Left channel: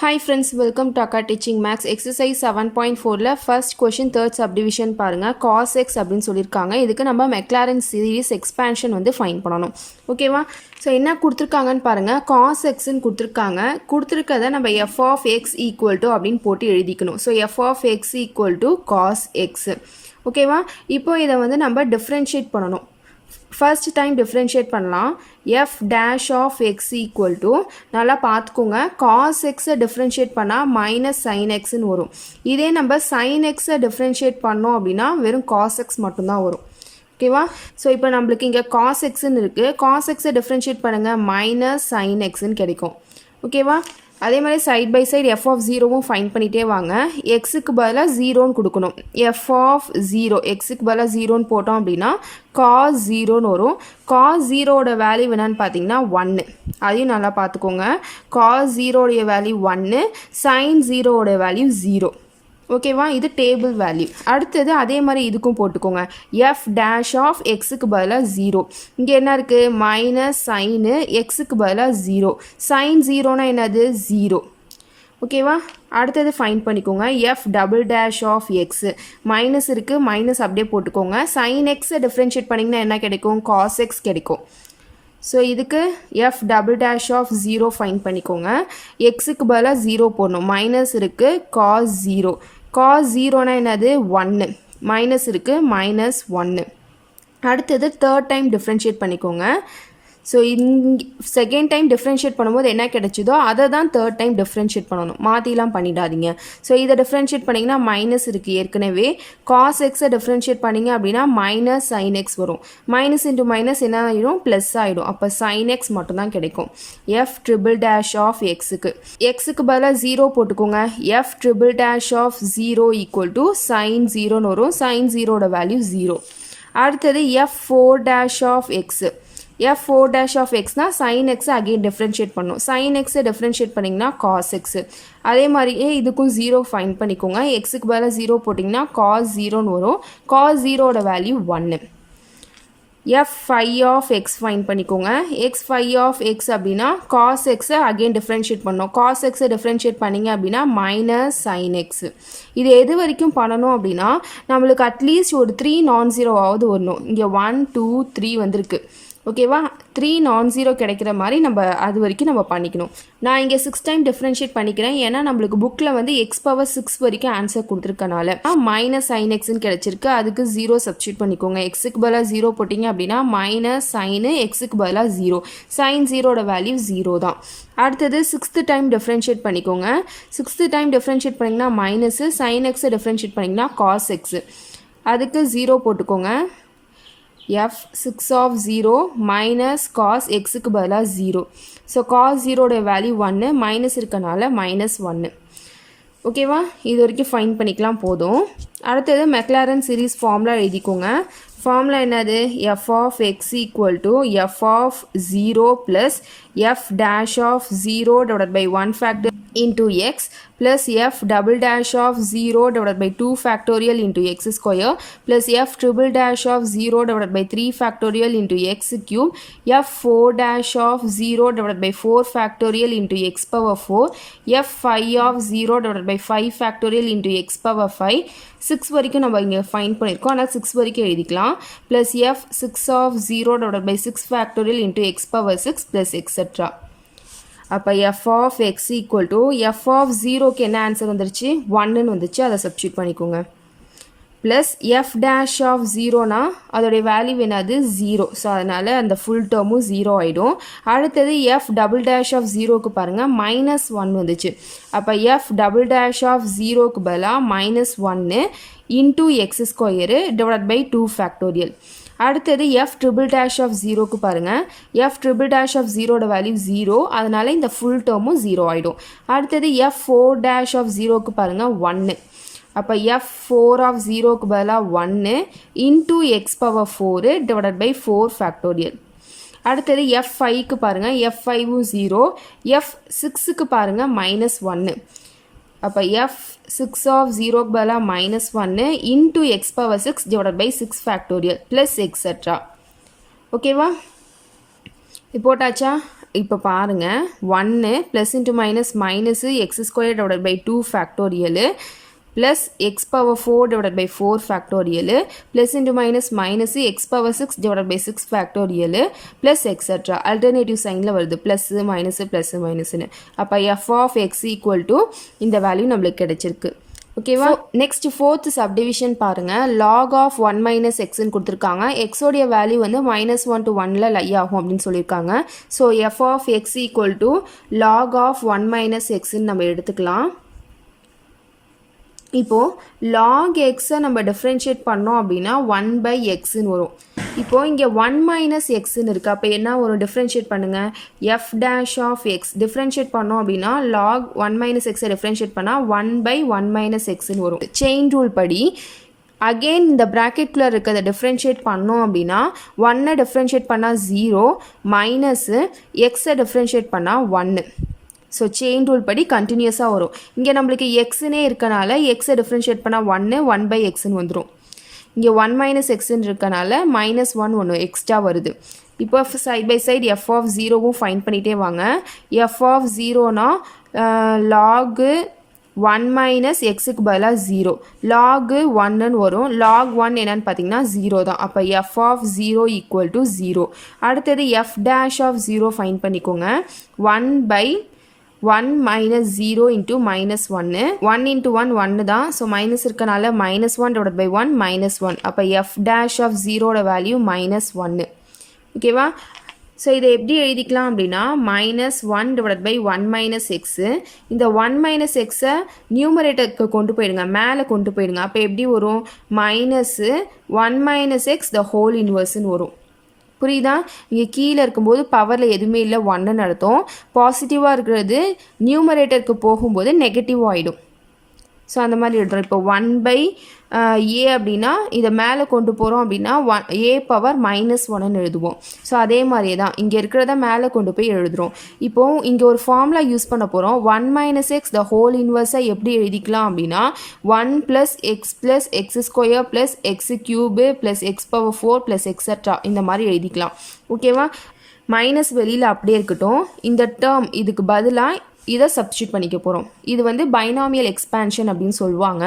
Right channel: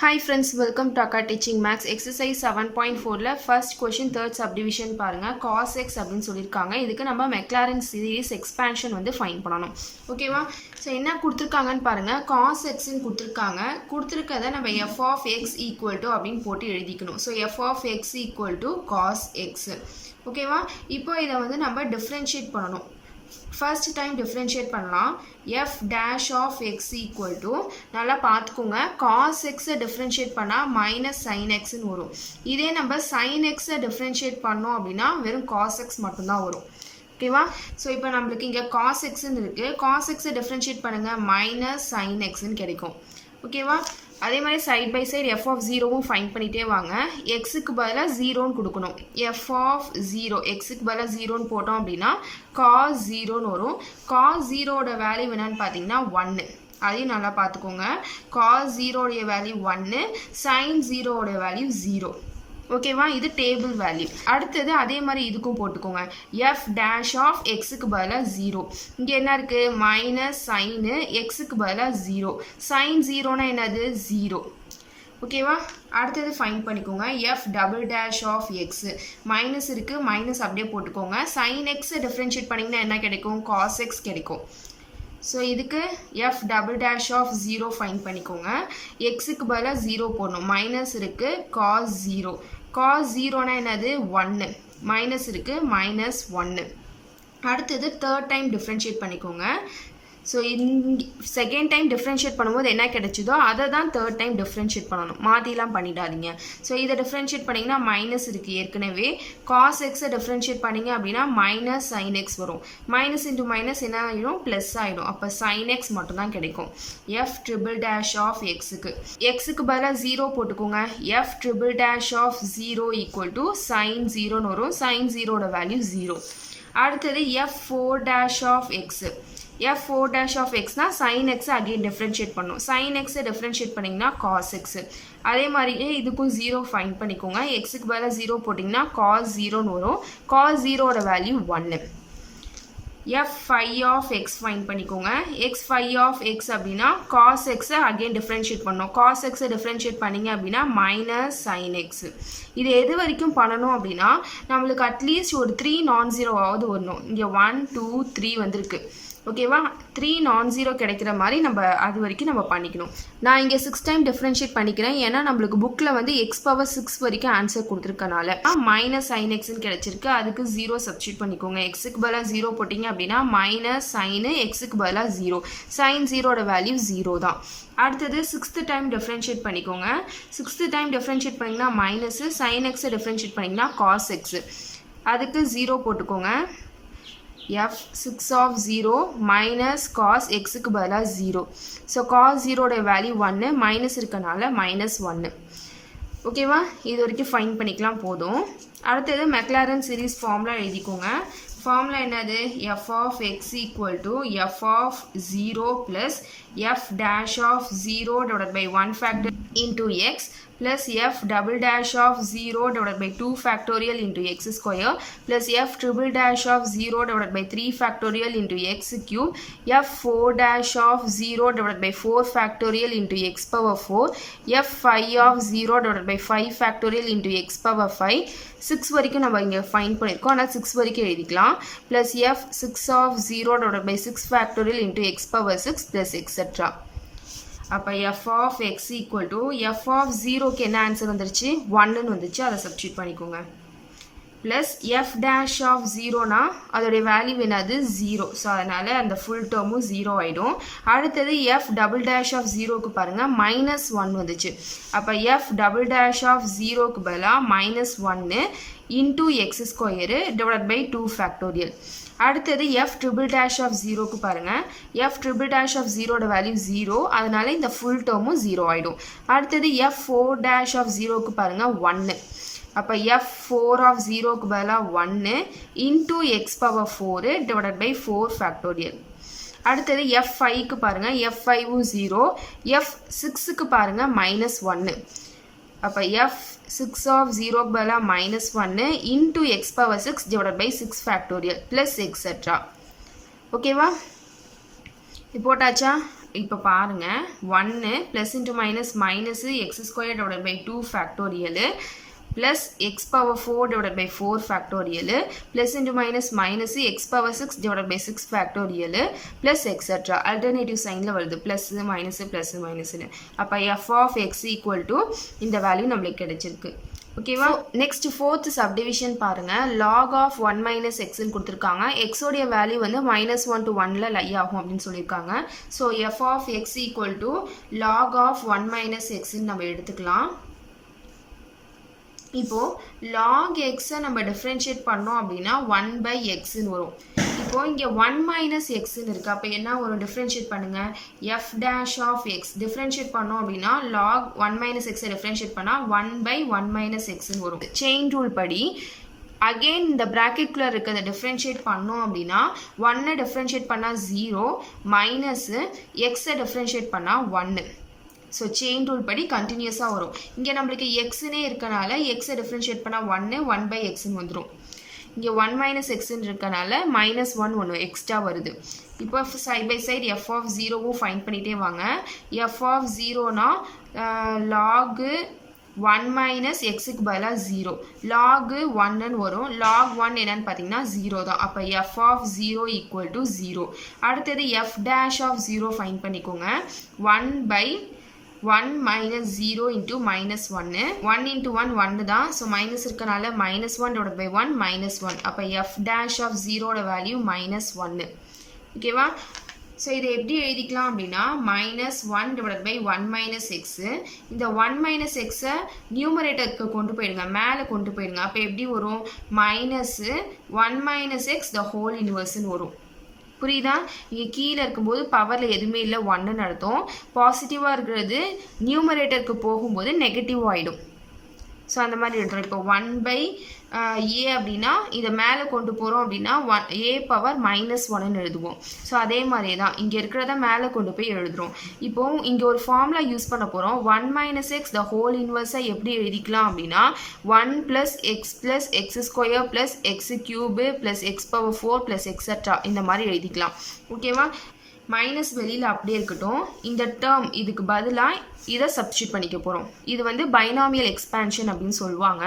Hi friends, welcome to Akka Teaching Max. Exercise 7.4ல first question third subdivision பாருங்க. cos x அப்படின்னு சொல்லியிருக்காங்க. இதுக்கு நம்ம Maclaurin series expansion வந்து find பண்ணணும். ஓகேவா? ஸோ என்ன கொடுத்துருக்காங்கன்னு பாருங்க. cos xன்னு கொடுத்துருக்காங்க. கொடுத்துருக்கதை நம்ம f of x equal to அப்படின்னு போட்டு எழுதிக்கணும். So f of x equal to cos x. ஓகேவா? இப்போ இதை வந்து நம்ம differentiate பண்ணணும். first time differentiate பண்ணலாம். f dash of x equal to நல்லா பார்த்துக்கோங்க. cos x differentiate பண்ணால் minus sin x ன்னு வரும். இதே நம்ம sin x differentiate பண்ணோம் அப்படின்னா வெறும் cos x மட்டும்தான் வரும். ஓகேவா? ஸோ இப்போ நம்மளுக்கு இங்கே cos x ன்னு இருக்குது. cos x differentiate பண்ணுங்கள் minus sin x ன்னு கிடைக்கும். ஓகேவா? அதே மாதிரி side by side f of ஜீரோவும் ஃபைன் பண்ணிகிட்டே வாங்க. எக்ஸுக்கு பதிலாக ஜீரோன்னு கொடுக்கணும். எஃப் ஆஃப் ஜீரோ எக்ஸுக்கு பதிலாக ஜீரோன்னு போட்டோம் அப்படின்னா காஸ் ஜீரோன்னு வரும். காஸ் ஜீரோட வேல்யூ என்னன்னு பார்த்தீங்கன்னா 1. அதையும் நல்லா பார்த்துக்கோங்க. காஸ் ஜீரோடைய வேல்யூ 1, சைன் ஜீரோவோட வேல்யூ 0. ஓகேவா? இது டேபிள் வேல்யூ. அடுத்தது அதே மாதிரி இதுக்கும் போட்டுக்கோங்க. எஃப் டேஷ் ஆஃப் எக்ஸுக்கு பதிலாக 0. இங்கே என்ன இருக்குது? மைனஸ் சைனு எக்ஸுக்கு பதிலாக 0. சைன் ஜீரோனா என்னது? 0. ஓகேவா? அடுத்தது ஃபைன் பண்ணிக்கோங்க. F double dash of x minus இருக்குது, மைனஸ் அப்படியே போட்டுக்கோங்க. சைன் எக்ஸை டிஃப்ரென்ஷியேட் பண்ணிங்கன்னா என்ன கிடைக்கும்? காஸ் எக்ஸ் கிடைக்கும். ஸோ இதுக்கு F double dash of 0 find பண்ணிக்கோங்க. எக்ஸுக்கு பதிலாக 0 போடணும். மைனஸ் இருக்குது, காஸ் 0. காஸ் 0னா என்னது? 1. மைனஸ் இருக்குது, மைனஸ் 1. அடுத்தது தேர்ட் டைம் டிஃப்ரென்ஷியேட் பண்ணிக்கோங்க. ஸோ செகண்ட் டைம் டிஃப்ரென்ஷியேட் பண்ணும்போது என்ன கிடைச்சிதோ அதை தான் தேர்ட் டைம் டிஃப்ரென்ஷியேட் பண்ணணும். மாற்றிலாம் பண்ணிடாதீங்க. ஸோ இதை டிஃப்ரென்ஷியேட் பண்ணிங்கன்னா மைனஸ் இருக்குது ஏற்கனவே. காஸ் எக்ஸை டிஃப்ரென்ஷியேட் பண்ணிங்க அப்படின்னா மைனஸ் சைன் எக்ஸ் வரும். மைனஸ் இன்ட்டு மைனஸ் என்ன ஆகிடும்? ப்ளஸ் ஆகிடும். அப்போ சைன் எக்ஸ் மட்டும்தான் கிடைக்கும். எஃப் ட்ரிபிள் டேஷ் ஆஃப் எக்ஸுக்கு பதிலாக 0 போட்டுக்கோங்க. F triple dash of 0 equal to sin 0ன்னு வரும். சைன் 0ட வேல்யூ 0. அடுத்தது f 4 dash of x f 4 dash of எக்ஸ்னா சைன் எக்ஸை அகெயின் டிஃப்ரென்ஷியேட் பண்ணணும். சைன் எக்ஸை டிஃப்ரென்ஷியேட் பண்ணிங்கன்னா காஸ் எக்ஸு. அதே மாதிரியே இதுக்கும் 0 ஃபைன் பண்ணிக்கோங்க. எக்ஸுக்கு பதிலாக 0 போட்டிங்கன்னா காஸ் 0ன்னு வரும். காஸ் 0ட value 1. F 5 of x find பண்ணிக்கோங்க. எக்ஸ் 5 ஆஃப் எக்ஸ் அப்படின்னா காஸ் எக்ஸை அகெயின் டிஃப்ரென்ஷியேட் பண்ணணும். காஸ் எக்ஸை டிஃப்ரென்ஷியேட் பண்ணிங்க அப்படின்னா மைனஸ் சைன் எக்ஸு. இது எது வரைக்கும் பண்ணணும் அப்படின்னா நம்மளுக்கு அட்லீஸ்ட் ஒரு 3 நான் ஜீரோவாவது வரணும். இங்கே 1 2 3 வந்திருக்கு. ஓகேவா? 3 நான் ஜீரோ கிடைக்கிற மாதிரி நம்ம அது வரைக்கும் நம்ம பண்ணிக்கணும். நான் இங்கே 6 டைம் டிஃப்ரென்ஷியேட் பண்ணிக்கிறேன். ஏன்னா நம்மளுக்கு புக்கில் வந்து எக்ஸ் பவர் 6 வரைக்கும் ஆன்சர் கொடுத்துருக்கனால மைனஸ் சைன் எக்ஸ்ன்னு கிடச்சிருக்கு. அதுக்கு 0 சப்ஸ்டியூட் பண்ணிக்கோங்க. எக்ஸுக்கு பதிலாக 0 போட்டிங்க அப்படின்னா மைனஸ் சைனு எக்ஸுக்கு பதிலாக 0. சைன் 0ட வேல்யூ 0 தான். அடுத்தது 6th டைம் டிஃப்ரென்ஷியேட் பண்ணிக்கோங்க. 6th டைம் டிஃப்ரென்ஷியேட் பண்ணிங்கன்னா மைனஸு, சைன் எக்ஸை டிஃப்ரென்ஷியேட் பண்ணிங்கன்னா காஸ் எக்ஸு. அதுக்கு 0 போட்டுக்கோங்க. f 6 of 0 minus cos xக்கு பதிலாக 0. ஸோ cos 0ட வேல்யூ 1, மைனஸ் இருக்கனால மைனஸ் 1. ஓகேவா? இது வரைக்கும் ஃபைன் பண்ணிக்கலாம் போதும். அடுத்தது மெக்லாரன் சீரீஸ் ஃபார்முலா எழுதிக்கோங்க. ஃபார்முலா என்னது? f of x equal to f of 0 plus f dash of 0 divided by 1 factor into x plus f double dash of 0 divided by 2 factorial into x square plus f triple dash of 0 divided by 3 factorial into x cube f 4 dash of 0 divided by 4 factorial into x power 4 f 5 of 0 divided by 5 factorial into x power 5. 6 வரைக்கும் நம்ம இங்கே fine பண்ணியிருக்கோம். ஆனால் 6 வரைக்கும் எழுதிக்கலாம். Plus F 6 of 0 divided by 6 factorial into x power 6 plus etc. அப்போ f of x equal to f of 0க்கு என்ன ஆன்சர் வந்துருச்சு? 1ன்னு வந்துச்சு. அதை சப்ஸ்டியூட் பண்ணிக்கோங்க. ப்ளஸ் எஃப் டேஷ் ஆஃப் 0னா அதோடைய வேல்யூ என்னது? 0. ஸோ அதனால் அந்த ஃபுல் டேர்மும் 0 ஆகிடும். அடுத்தது எஃப் டபுள் டேஷ் ஆஃப் 0க்கு பாருங்கள் மைனஸ் 1 வந்துச்சு. அப்போ எஃப் டபுள் டேஷ் ஆஃப் 0க்கு பதிலாக minus 1 into x square divide by 2 factorial. அடுத்தது எஃப் ட்ரிபிள் டேஷ் ஆஃப் 0க்கு பாருங்கள். எஃப் ட்ரிபிள் டேஷ் ஆஃப் 0ட வேல்யூ 0. அதனால் இந்த ஃபுல் டேர்மும் 0 ஆகிடும். அடுத்தது எஃப் 4 டேஷ் ஆஃப் 0க்கு பாருங்கள் 1. அப்போ எஃப் 4 ஆஃப் 0க்கு பதிலாக 1 into x power 4 divided by 4 factorial. அடுத்தது எஃப் 5க்கு பாருங்கள். எஃப் 5ம் 0. எஃப் 6க்கு பாருங்கள் மைனஸ் 1. அப்போ எஃப் 6 ஆஃப் 0க்கு பதிலாக minus 1 into x power 6 divided by 6 factorial plus etcetera. ஓகேவா? போட்டாச்சா? இப்போ பாருங்கள் 1 plus into minus x square divided by 2 factorial plus x power 4 divided by 4 factorial plus into minus x power 6 divided by 6 factorial plus etc. Alternative sign ல வருது plus minus அப்போ f of x equal to இந்த value நம்மளுக்கு கிடைச்சிருக்கு ஓகேவா next fourth subdivision பாருங்க log of 1 minus x ன்னு கொடுத்துருக்காங்க x உடைய வேல்யூ வந்து -1 to 1ல லை ஆகும் அப்படின்னு சொல்லியிருக்காங்க so f of x equal to log of 1 minus x ன்னு நம்ம எடுத்துக்கலாம் இப்போது log x நம்ம டிஃப்ரென்ஷியேட் பண்ணோம் அப்படின்னா 1 by xன்னு வரும் இப்போது இங்கே 1 minus xன்னு இருக்குது அப்போ என்ன வரும் டிஃப்ரென்ஷியேட் பண்ணுங்கள் f dash of x differentiate பண்ணோம் அப்படின்னா log 1 minus xை டிஃப்ரென்ஷியேட் பண்ணால் 1 by 1 minus xன்னு வரும் செயின் ரூல் படி அகெயின் இந்த ப்ராக்கெட்குள்ளே இருக்கிறத டிஃப்ரென்ஷியேட் பண்ணோம் அப்படின்னா 1ஐ டிஃப்ரென்ஷியேட் பண்ணால் 0 மைனஸு எக்ஸை டிஃப்ரென்ஷியேட் பண்ணால் 1 ஸோ செயின் ரூல் படி கண்டினியூஸாக வரும் இங்கே நம்மளுக்கு எக்ஸுனே இருக்கனால எக்ஸை டிஃப்ரென்ஷியேட் பண்ணால் 1 by xன்னு வந்துடும் இங்கே 1 minus xன்னு இருக்கனால -1 ஒன்று எக்ஸ்ட்ரா வருது இப்போ side by side f of ஜீரோவும் ஃபைன் பண்ணிகிட்டே வாங்க எஃப் ஆஃப் ஜீரோனா லாகு 1 minus xக்கு பதிலாக 0 log 1ன்னு வரும் log 1 என்னன்னு பார்த்தீங்கன்னா 0 தான் அப்போ f of 0 equal to 0 அடுத்தது f dash of 0 ஃபைன் பண்ணிக்கோங்க 1 by 1 minus 0 into minus 1 1 into 1 1 தான் ஸோ மைனஸ் இருக்கனால -1 divided by 1 -1 அப்போ f dash of 0 வேல்யூ -1 ஓகேவா ஸோ இதை எப்படி எழுதிக்கலாம் அப்படின்னா -1 divided by 1 minus x இந்த 1 minus xை நியூமரேட்டருக்கு கொண்டு போயிடுங்க மேலே கொண்டு போயிடுங்க அப்போ எப்படி வரும் -1 minus x the whole inverseன்னு வரும் புரியுதா இங்கே கீழே இருக்கும்போது பவரில் எதுவுமே இல்லை 1ன்னு அர்த்தம் பாசிட்டிவாக இருக்கிறது நியூமரேட்டருக்கு போகும்போது நெகட்டிவ் ஆகிடும் ஸோ அந்த மாதிரி எழுதுறோம் இப்போ 1 by a அப்படின்னா இதை மேலே கொண்டு போகிறோம் அப்படின்னா a பவர் -1ன்னு எழுதுவோம் ஸோ அதே மாதிரியே தான் இங்கே இருக்கிறத மேலே கொண்டு போய் எழுதுகிறோம் இப்போது இங்கே ஒரு ஃபார்முலா யூஸ் பண்ண போகிறோம் 1 minus x the whole inverse எப்படி எழுதிக்கலாம் அப்படின்னா 1 plus x plus x square plus x cube plus x power 4 plus etc. இந்த மாதிரி எழுதிக்கலாம் ஓகேவா மைனஸ் வெளியில் அப்படியே இருக்கட்டும் இந்த டேர்ம் இதுக்கு பதிலாக இதை சப்ஸ்டியூட் பண்ணிக்க போகிறோம் இது வந்து பைனாமியல் எக்ஸ்பேன்ஷன் அப்படின்னு சொல்லுவாங்க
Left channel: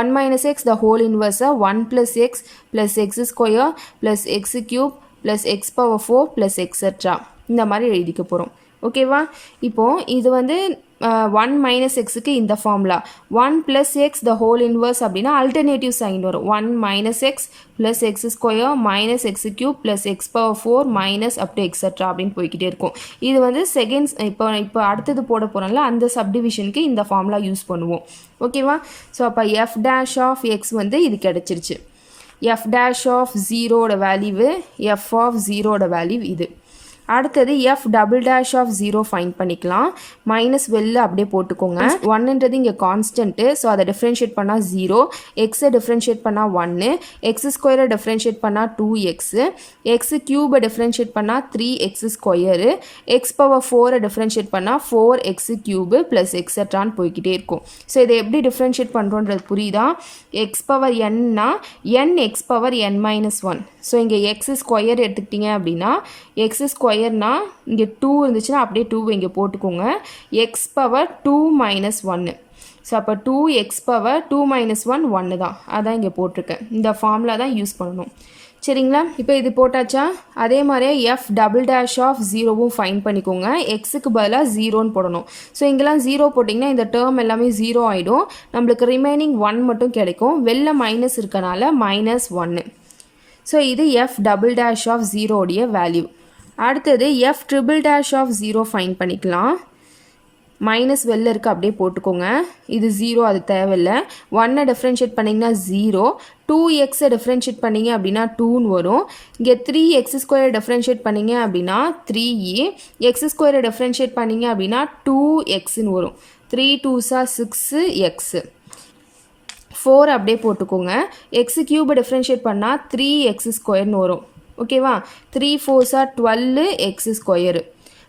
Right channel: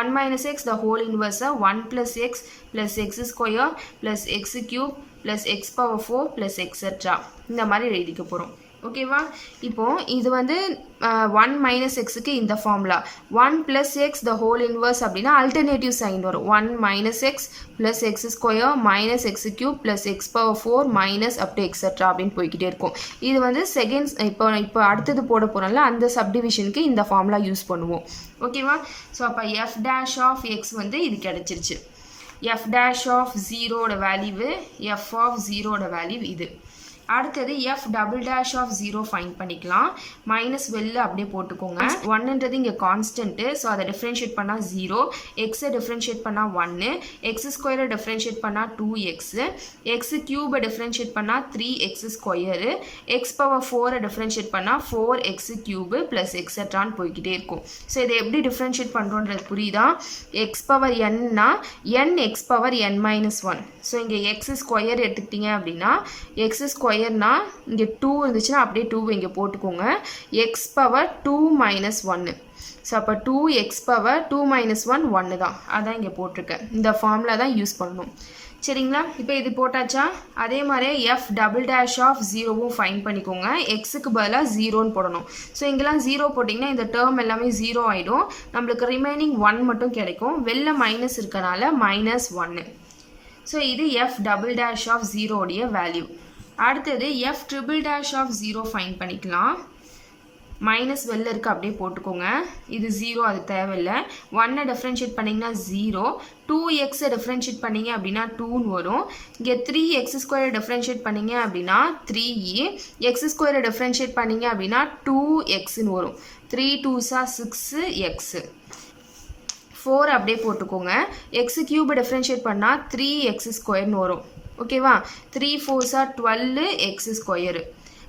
1 minus x the whole inverse 1 plus x plus x square plus x cube plus x power 4 plus etc. இந்த மாதிரி எழுதிக்க போகிறோம் ஓகேவா இப்போது இது வந்து 1 minus xக்கு இந்த formula 1 plus x the whole inverse அப்படின்னா அல்டர்னேட்டிவ் சைன் வரும் 1 minus x plus x square minus x cube plus x power 4 minus up to etc. அப்படின்னு போய்கிட்டே இருக்கும் இது வந்து செகண்ட்ஸ் இப்போ அடுத்தது போட போகிறோம்ல அந்த சப்டிவிஷனுக்கு இந்த ஃபார்முலா யூஸ் பண்ணுவோம் ஓகேவா ஸோ அப்போ f dash of x வந்து இது கிடச்சிருச்சு f dash of 0 value f of 0 value இது அடுத்தது f double dash of 0 find பண்ணிக்கலாம் மைனஸ் வெளில அப்படியே போட்டுக்கோங்க 1ன்றது இங்கே கான்ஸ்டன்ட்டு ஸோ அதை டிஃப்ரென்ஷியேட் பண்ணால் 0 எக்ஸை டிஃப்ரென்ஷியேட் பண்ணால் 1 எக்ஸ் ஸ்கொயரை டிஃப்ரென்ஷியேட் பண்ணால் 2x எக்ஸ் க்யூபை டிஃப்ரென்ஷியேட் பண்ணால் 3x ஸ்கொயரு எக்ஸ் பவர் 4ஐ டிஃப்ரென்ஷியேட் பண்ணால் 4x க்யூபு ப்ளஸ் எக்ஸட்ரான்னு போய்கிட்டே இருக்கும் ஸோ இதை எப்படி டிஃப்ரென்ஷியேட் பண்ணுறோன்றது புரியுதா எக்ஸ் பவர் என்னா n X power n minus 1 so இங்கே எக்ஸ் ஸ்கொயர் எடுத்துக்கிட்டிங்க அப்படின்னா எக்ஸ் ஸ்கொயர்னா இங்கே 2 இருந்துச்சுன்னா அப்படியே 2 இங்கே போட்டுக்கோங்க எக்ஸ் பவர் 2 minus 1 ஸோ அப்போ 2x பவர் 2 minus 1 1 தான் அதான் இங்கே போட்டிருக்கேன் இந்த ஃபார்முலா தான் யூஸ் பண்ணணும் சரிங்களா இப்போ இது போட்டாச்சா அதே மாதிரியே எஃப் டபுள் டேஷ் ஆஃப் 0வும் ஃபைன் பண்ணிக்கோங்க எக்ஸுக்கு பதிலாக 0ன்னு போடணும் ஸோ இங்கெல்லாம் 0 போட்டிங்கன்னா இந்த டேர்ம் எல்லாமே 0 ஆகிடும் நம்மளுக்கு ரிமைனிங் 1 மட்டும் கிடைக்கும் வெளில மைனஸ் இருக்கனால -1 ஸோ இது எஃப் டபுள் டேஷ் ஆஃப் 0 உடைய வேல்யூ அடுத்தது F triple dash of 0 find பண்ணிக்கலாம் மைனஸ் வெளில இருக்க அப்படியே போட்டுக்கோங்க இது 0 அது தேவையில்லை 1ஐ டிஃப்ரென்ஷியேட் பண்ணிங்கன்னா 0 2xஐ டிஃப்ரென்ஷியேட் பண்ணிங்க அப்படின்னா 2ன்னு வரும் இங்கே 3x ஸ்கொயரை டிஃப்ரென்ஷியேட் பண்ணிங்க அப்படின்னா 3e எக்ஸ் ஸ்கொயரை டிஃப்ரென்ஷியேட் பண்ணிங்க அப்படின்னா 2xன்னு வரும் 3 2s 6x 4 அப்படியே போட்டுக்கோங்க எக்ஸ் க்யூபை டிஃப்ரென்ஷியேட் பண்ணால் 3x ஸ்கொயர்னு வரும் ஓகேவா 3 4s 12x square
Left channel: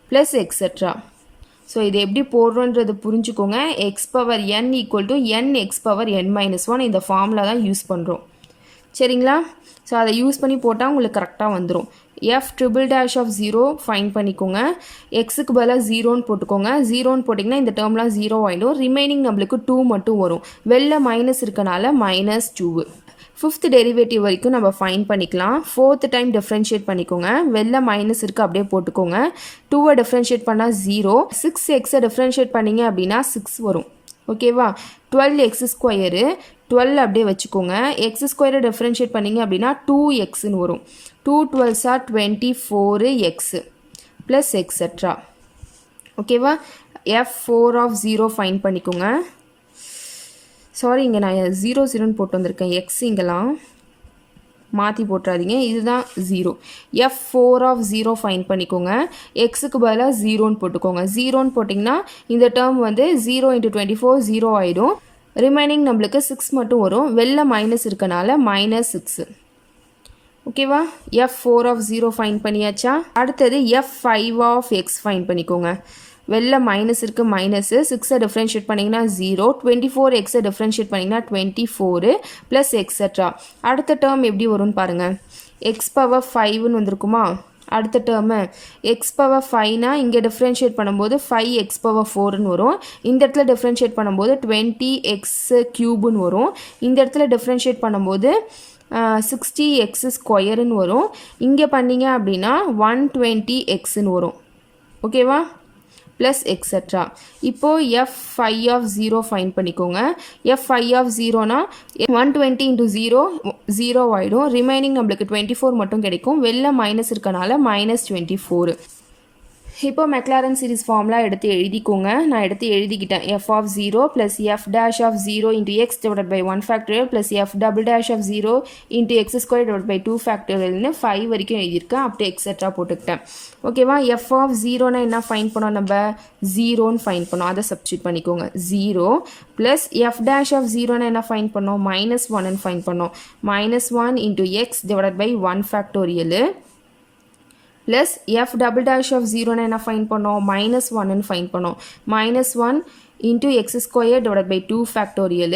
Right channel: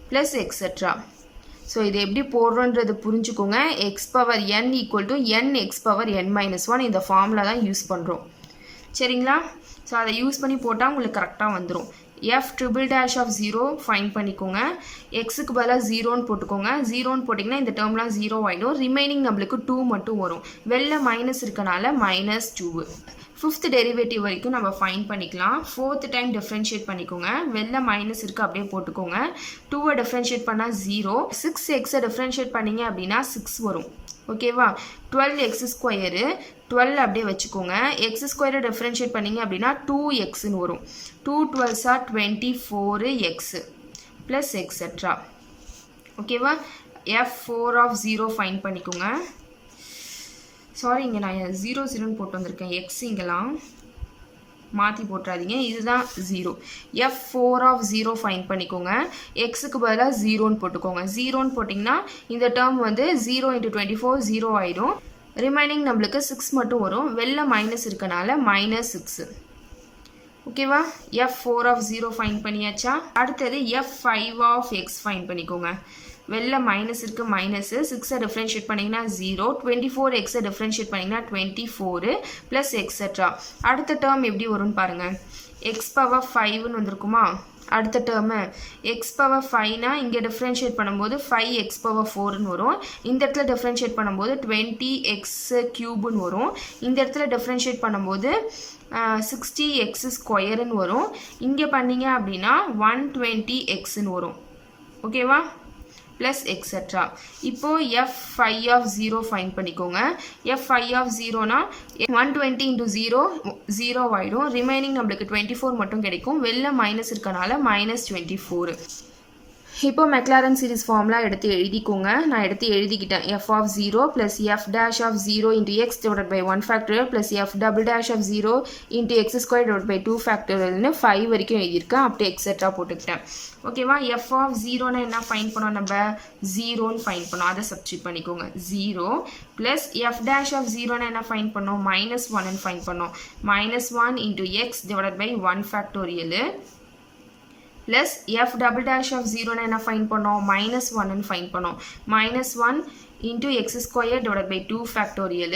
plus etcetera so இது எப்படி போடுறோன்றது புரிஞ்சுக்கோங்க X power n equal to n X power n minus 1 இந்த ஃபார்முலா தான் யூஸ் பண்ணுறோம் சரிங்களா ஸோ அதை யூஸ் பண்ணி போட்டால் உங்களுக்கு கரெக்டாக வந்துடும் F triple dash of 0 find பண்ணிக்கோங்க. எக்ஸுக்கு பதிலாக 0ன்னு போட்டுக்கோங்க. 0ன்னு போட்டிங்கன்னா இந்த டேர்ம்லாம் 0 ஆகிடும். ரிமைனிங் நம்மளுக்கு 2 மட்டும் வரும். வெளில மைனஸ் இருக்கனால -2. ஃபிஃப்த் டெரிவேட்டிவ் வரைக்கும் நம்ம ஃபைன் பண்ணிக்கலாம். ஃபோர்த் டைம் டிஃப்ரென்ஷியேட் பண்ணிக்கோங்க. வெளில மைனஸ் இருக்குது அப்படியே போட்டுக்கோங்க. 2வை டிஃப்ரென்ஷியேட் பண்ணால் 0. 6xை டிஃப்ரென்ஷியேட் பண்ணிங்க அப்படின்னா 6 வரும். ஓகேவா? 12x², 12 அப்படியே வச்சுக்கோங்க. x² டிஃப்ரென்ஷியேட் பண்ணிங்க அப்படின்னா 2xன்னு வரும். 2 12s are 24x plus etcetera. ஓகேவா? f4 ஆஃப் 0 ஃபைன் பண்ணிக்கோங்க. சாரி, இங்கே நான் 0 போட்டு வந்திருக்கேன். எக்ஸ் இங்கெல்லாம் மாற்றி போட்டுறாதீங்க. இதுதான் 0. f4 ஆஃப் 0 ஃபைன் பண்ணிக்கோங்க. எக்ஸுக்கு பதிலாக 0ன்னு போட்டுக்கோங்க. 0ன்னு போட்டிங்கன்னா இந்த டேர்ம் வந்து 0 × 24 0 ஆகிடும். ரிமைனிங் நம்மளுக்கு 6 மட்டும் வரும். வெளில மைனஸ் இருக்கனால -6. ஓகேவா? f4 ஆஃப் 0 ஃபைன் பண்ணியாச்சா? அடுத்தது f5 ஆஃப் x ஃபைன் பண்ணிக்கோங்க. வெளில மைனஸ் இருக்குது, மைனஸு 6ஐ டிஃப்ரென்ஷியேட் பண்ணிங்கன்னா 0, 24xஐ டிஃப்ரென்ஷியேட் பண்ணிங்கன்னா 24 ப்ளஸ் எக்ஸெட்ரா. அடுத்த டேர்ம் எப்படி வரும்னு பாருங்கள். x⁵ வந்திருக்குமா? அடுத்த டேர்மு x⁵ இங்கே டிஃப்ரென்ஷியேட் பண்ணும்போது 5x⁴ வரும். இந்த இடத்துல டிஃப்ரென்ஷியேட் பண்ணும்போது 20x³ வரும். இந்த இடத்துல டிஃப்ரென்ஷியேட் பண்ணும்போது 60x² வரும். இங்கே பண்ணிங்க அப்படின்னா 120xன்னு வரும். ஓகேவா? Plus etcetera. இப்போது f5 ஆஃப் 0 ஃபைன் பண்ணிக்கோங்க. f5 ஆஃப் 0னா 120 × 0 0 ஆகிடும். ரிமைனிங் நம்மளுக்கு 24 மட்டும் கிடைக்கும். வெளில மைனஸ் இருக்கனால -24. இப்போ மெக்லாரன் சீரிஸ் ஃபார்முலா எடுத்து எழுதிக்கோங்க. நான் எடுத்து எழுதிக்கிட்டேன். f of 0 plus f dash of 0 × x divided by 1 factorial plus f double dash of 0 × x² divide by 2 ஃபேக்டரியல்னு 5 வரைக்கும் எழுதியிருக்கேன். அப்படியே எக்ஸெட்ரா போட்டுக்கிட்டேன். ஓகேவா? f ஆஃப் 0னா என்ன ஃபைன் பண்ணோம்? நம்ம 0ன்னு ஃபைன் பண்ணோம். அதை சப்ஸ்டியூட் பண்ணிக்கோங்க. 0 ப்ளஸ் f டேஷ் ஆஃப் 0னா என்ன ஃபைன் பண்ணோம்? -1ன்னு ஃபைன் பண்ணோம். -1 × x divided by 1 factorial plus f double dash of 0னா என்ன ஃபைன் பண்ணோம்? -1ன்னு ஃபைன் பண்ணோம். -1 × x² divide by 2 factorial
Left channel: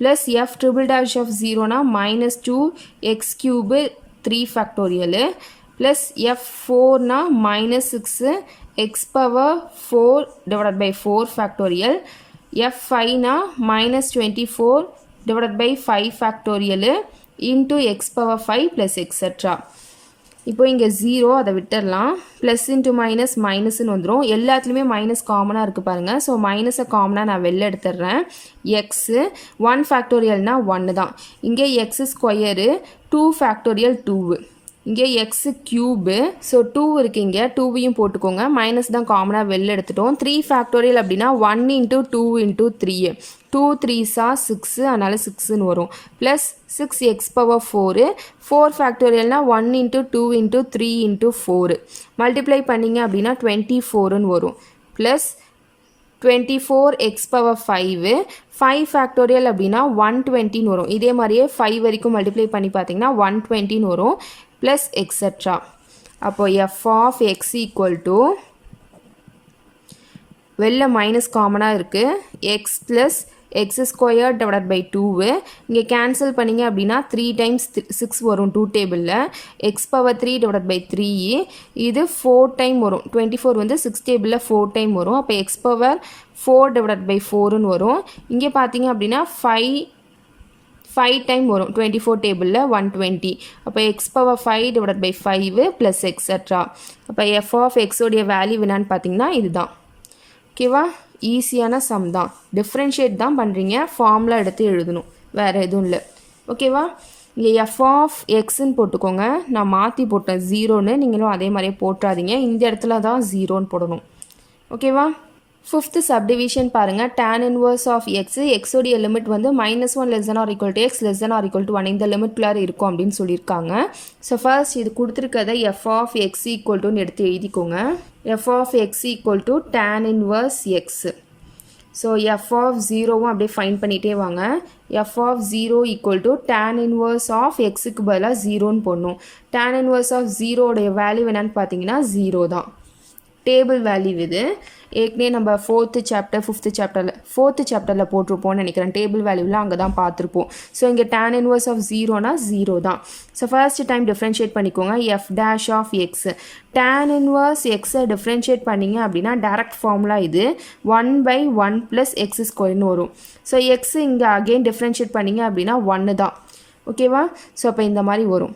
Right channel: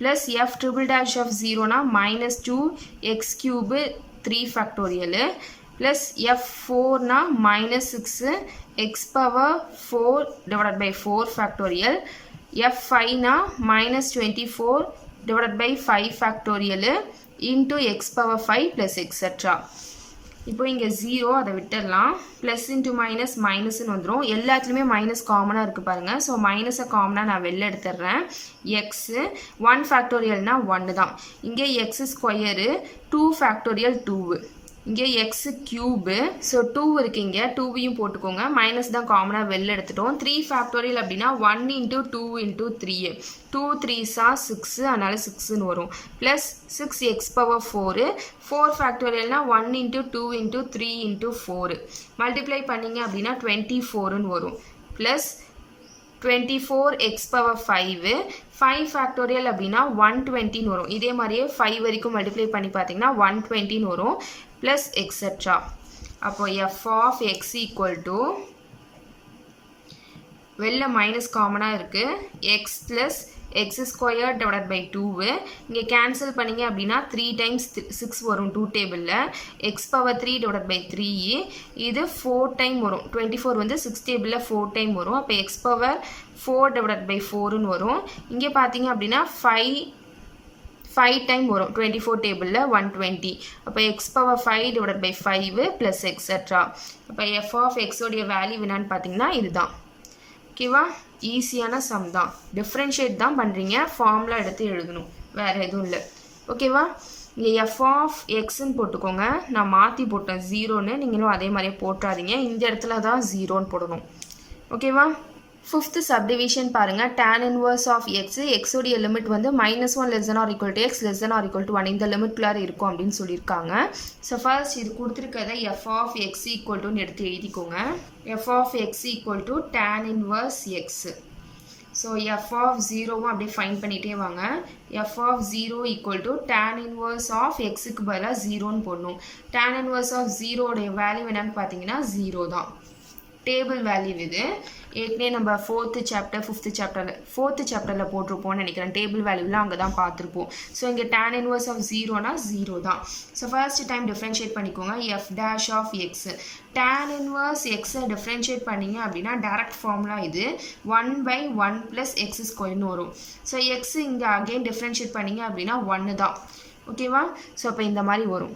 plus f triple dash of 0னா -2x³ 3 ஃபேக்டோரியல் ப்ளஸ் f4னா -6x⁴ டிவைட் பை 4 ஃபேக்டோரியல். f5னா -24 divide by 5 factorial × x⁵ plus et cetera. இப்போ இங்கே 0 அதை விட்டுடலாம். ப்ளஸ் இன்ட்டு மைனஸ் மைனஸ்ன்னு வந்துடும். எல்லாத்துலேயுமே மைனஸ் காமனாக இருக்குது பாருங்கள். ஸோ மைனஸை காமனாக நான் வெளில எடுத்துடுறேன். எக்ஸு 1 ஃபேக்டோரியல்னால் 1 தான். இங்கே x², 2 ஃபேக்டோரியல் 2. இங்கே x³ ஸோ 2 இருக்குது. இங்கே 2வையும் போட்டுக்கோங்க. மைனஸ் தான் காமனாக வெளில எடுத்துட்டோம். 3 ஃபேக்டோரியல் அப்படின்னா 1 × 2 × 3. 2 3s are 6, அதனால் 6ன்னு வரும். Plus 6x⁴ 4 ஃபேக்டோரியல்னால் 1 × 2 × 3 × 4. மல்டிப்ளை பண்ணிங்க அப்படின்னா 24ன்னு வரும். ப்ளஸ் 24x⁵ 5 ஃபேக்டோரியல் அப்படின்னா 120ன்னு வரும். இதே மாதிரியே 5 வரைக்கும் மல்டிப்ளை பண்ணி பார்த்தீங்கன்னா 120ன்னு வரும். Plus etcetera. அப்போ f of x equal to வெளில மைனஸ் காமனாக இருக்குது. X plus x² divide by 2. இங்கே கேன்சல் பண்ணிங்க அப்படின்னா 3 டைம்ஸ் 6 வரும் 2 டேபிளில். x⁵ divide by 3. இது 4 டைம் வரும். 24 வந்து 6 டேபிளில் 4 டைம் வரும். அப்போ x⁴ டிவைட் பை 4ன்னு வரும். இங்கே பார்த்தீங்க அப்படின்னா 5 டைம் வரும் 24 டேபிளில் 120. அப்போ x⁵ divide by 5 plus etcetera. அப்போ f ஆஃப் எக்ஸோடைய வேல்யூ என்னான்னு பார்த்தீங்கன்னா இதுதான். ஓகேவா? ஈஸியான சம் தான். டிஃப்ரென்ஷியேட் தான் பண்ணுறீங்க. ஃபார்முலா எடுத்து எழுதணும், வேறு எதுவும் இல்லை. ஓகேவா? இங்கே f ஆஃப் எக்ஸ்ன்னு போட்டுக்கோங்க. நான் மாற்றி போட்டேன் 0ன்னு. நீங்களும் அதே மாதிரியே போட்டுறாதீங்க. இந்த இடத்துல தான் 0ன்னு போடணும். ஓகேவா? ஃபிஃப்த்து சப்டிவிஷன் பாருங்கள். tan இன்வர்ஸ் ஆஃப் எக்ஸ், எக்ஸோடைய லிமிட் வந்து -1 less than or equal to x less than or equal to 1 இந்த லிமிட்குள்ளார இருக்கும் அப்படின்னு சொல்லியிருக்காங்க. ஸோ ஃபர்ஸ்ட் இது கொடுத்துருக்கதை f ஆஃப் எக்ஸ் ஈக்குவல் டுன்னு எடுத்து எழுதிக்கோங்க. f of x equal to tan inverse x. So f of 0வும் அப்படியே ஃபைன் பண்ணிகிட்டே வாங்க. f of 0 equal to tan inverse of எக்ஸுக்கு பதிலாக 0ன்னு போடணும். tan இன்வர்ஸ் ஆஃப் 0உடைய வேல்யூ என்னன்னு பார்த்தீங்கன்னா 0 தான். டேபிள் வேல்யூ இது ஏற்கனவே நம்ம 4th சாப்டர் 5th சாப்டரில் போட்டிருப்போம்னு நினைக்கிறேன். டேபிள் வேல்யூலாம் அங்கே தான் பார்த்துருப்போம். ஸோ இங்கே tan இன்வர்ஸ் ஆஃப் 0னா 0 தான். ஸோ ஃபர்ஸ்ட் டைம் டிஃப்ரென்ஷியேட் பண்ணிக்கோங்க. F dash of x tan inverse எக்ஸை டிஃப்ரென்ஷியேட் பண்ணிங்க அப்படின்னா டேரக்ட் ஃபார்முலா இது 1/1 + x² வரும். ஸோ எக்ஸ் இங்கே அகெயின் டிஃப்ரென்ஷியேட் பண்ணிங்க அப்படின்னா 1 தான். ஓகேவா? ஸோ அப்போ இந்த மாதிரி வரும்.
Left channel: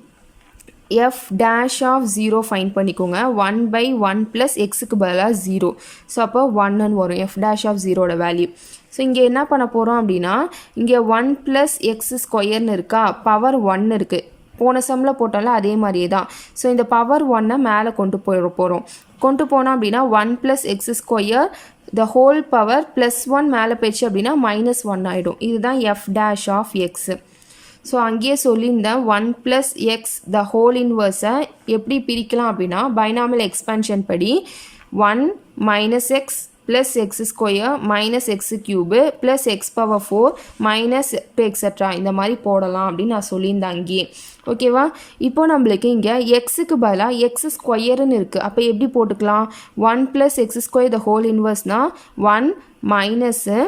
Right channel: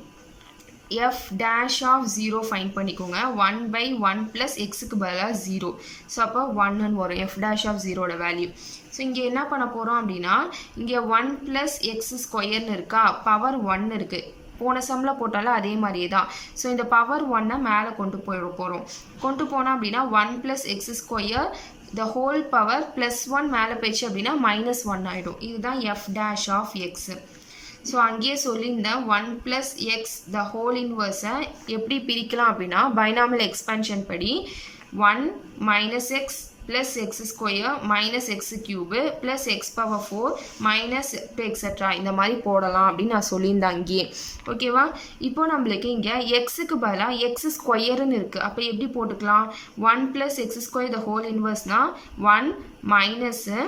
f dash of 0 ஃபைண்ட் பண்ணிக்கோங்க. 1/1 + xக்கு பதிலாக 0. ஸோ அப்போ 1ன்னு வரும் f dash of 0ஓட வேல்யூ. ஸோ இங்கே என்ன பண்ண போகிறோம் அப்படின்னா இங்கே 1 + x² இருக்கா, பவர் 1 இருக்குது. போன சம்மில் போட்டாலும் அதே மாதிரியே தான். ஸோ இந்த பவர் 1 மேலே கொண்டு போகிறோம். கொண்டு போனோம் அப்படின்னா 1 + x² the whole power +1 மேலே போயிடுச்சு அப்படின்னா -1 ஆகிடும். இதுதான் f dash of x. So அங்கேயே சொல்லியிருந்தேன் 1 + x the whole inverse எப்படி பிரிக்கலாம் அப்படின்னா பைனாமியல் எக்ஸ்பேன்ஷன் படி 1 - x + x² - x³ + x⁴ - extra இந்த மாதிரி போடலாம் அப்படின்னு நான் சொல்லியிருந்தேன் அங்கேயே. ஓகேவா? இப்போ நம்மளுக்கு இங்கே எக்ஸுக்கு பதிலாக x² இருக்குது. அப்போ எப்படி போட்டுக்கலாம்? 1 + x² the whole inverseனா 1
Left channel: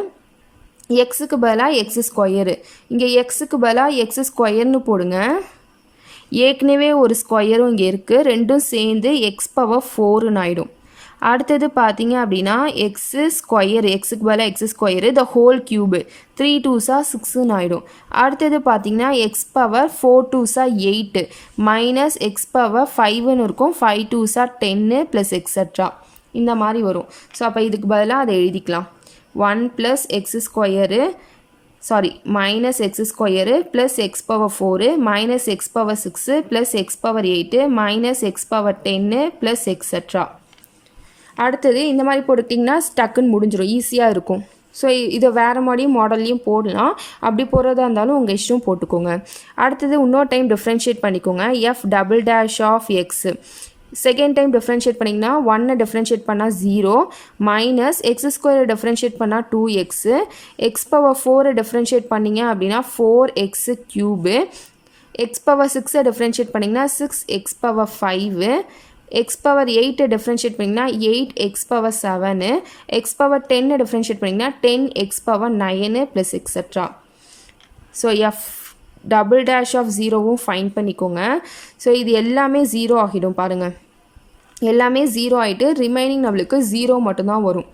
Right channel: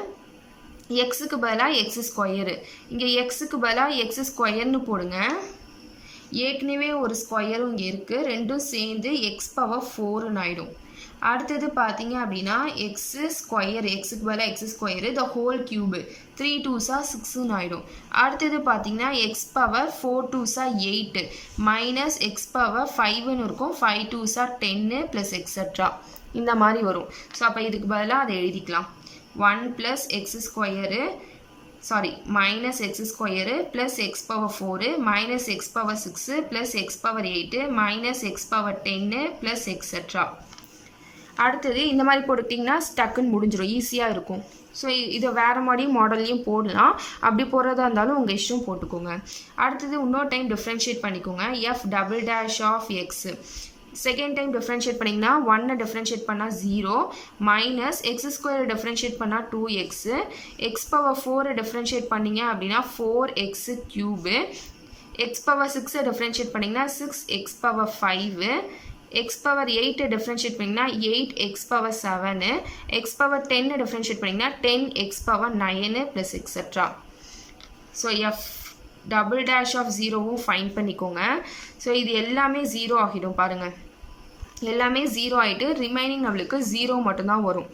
- எக்ஸுக்கு பதிலாக x². இங்கே எக்ஸுக்கு பதிலாக x²ன்னு போடுங்க. ஏற்கனவே ஒரு ஸ்கொயரும் இங்கே இருக்குது. ரெண்டும் சேர்ந்து x⁴ ஆகிடும். அடுத்தது பார்த்தீங்க அப்படின்னா எக்ஸுக்கு பதிலாக x² the whole cube 3 2s 6ன்னு ஆகிடும். அடுத்தது பார்த்தீங்கன்னா x⁴ 2s 8 - x⁵ இருக்கும். 5 2s 10 + எக்ஸட்ரா இந்த மாதிரி வரும். ஸோ அப்போ இதுக்கு பதிலாக அதை எழுதிக்கலாம். 1 + x² sorry -x² + x⁴ - x⁴ 6 + x⁴ 8 - x⁻10 + extra. அடுத்தது இந்த மாதிரி போட்டுட்டிங்கன்னா டக்குன்னு முடிஞ்சிடும், ஈஸியாக இருக்கும். ஸோ இதை வேறு மாதிரியும் மாடல்லையும் போடலாம். அப்படி போடுறதா இருந்தாலும் உங்கள் இஷ்டம் போட்டுக்கோங்க. அடுத்தது இன்னொரு டைம் டிஃப்ரென்ஷியேட் பண்ணிக்கோங்க. f double dash of x second time differentiate பண்ணிங்கன்னா 1 டிஃப்ரென்ஷியேட் பண்ணால் 0 - x² டிஃப்ரென்ஷியேட் பண்ணால் 2x x⁴ டிஃப்ரென்ஷியேட் பண்ணிங்க அப்படின்னா 4x³ x⁻6 டிஃப்ரென்ஷியேட் பண்ணிங்கன்னா 6x⁵ x⁸ டிஃப்ரென்ஷியேட் பண்ணிங்கன்னா 8x�7 x⁻10 டிஃப்ரென்ஷியேட் பண்ணிங்கன்னா 10x�9 + extra. So f double dash of 0வும் ஃபைன் பண்ணிக்கோங்க. ஸோ இது எல்லாமே 0 ஆகிடும் பாருங்கள். எல்லாமே 0 ஆகிட்டு ரிமைனிங் நம்மளுக்கு 0 மட்டும்தான் வரும்.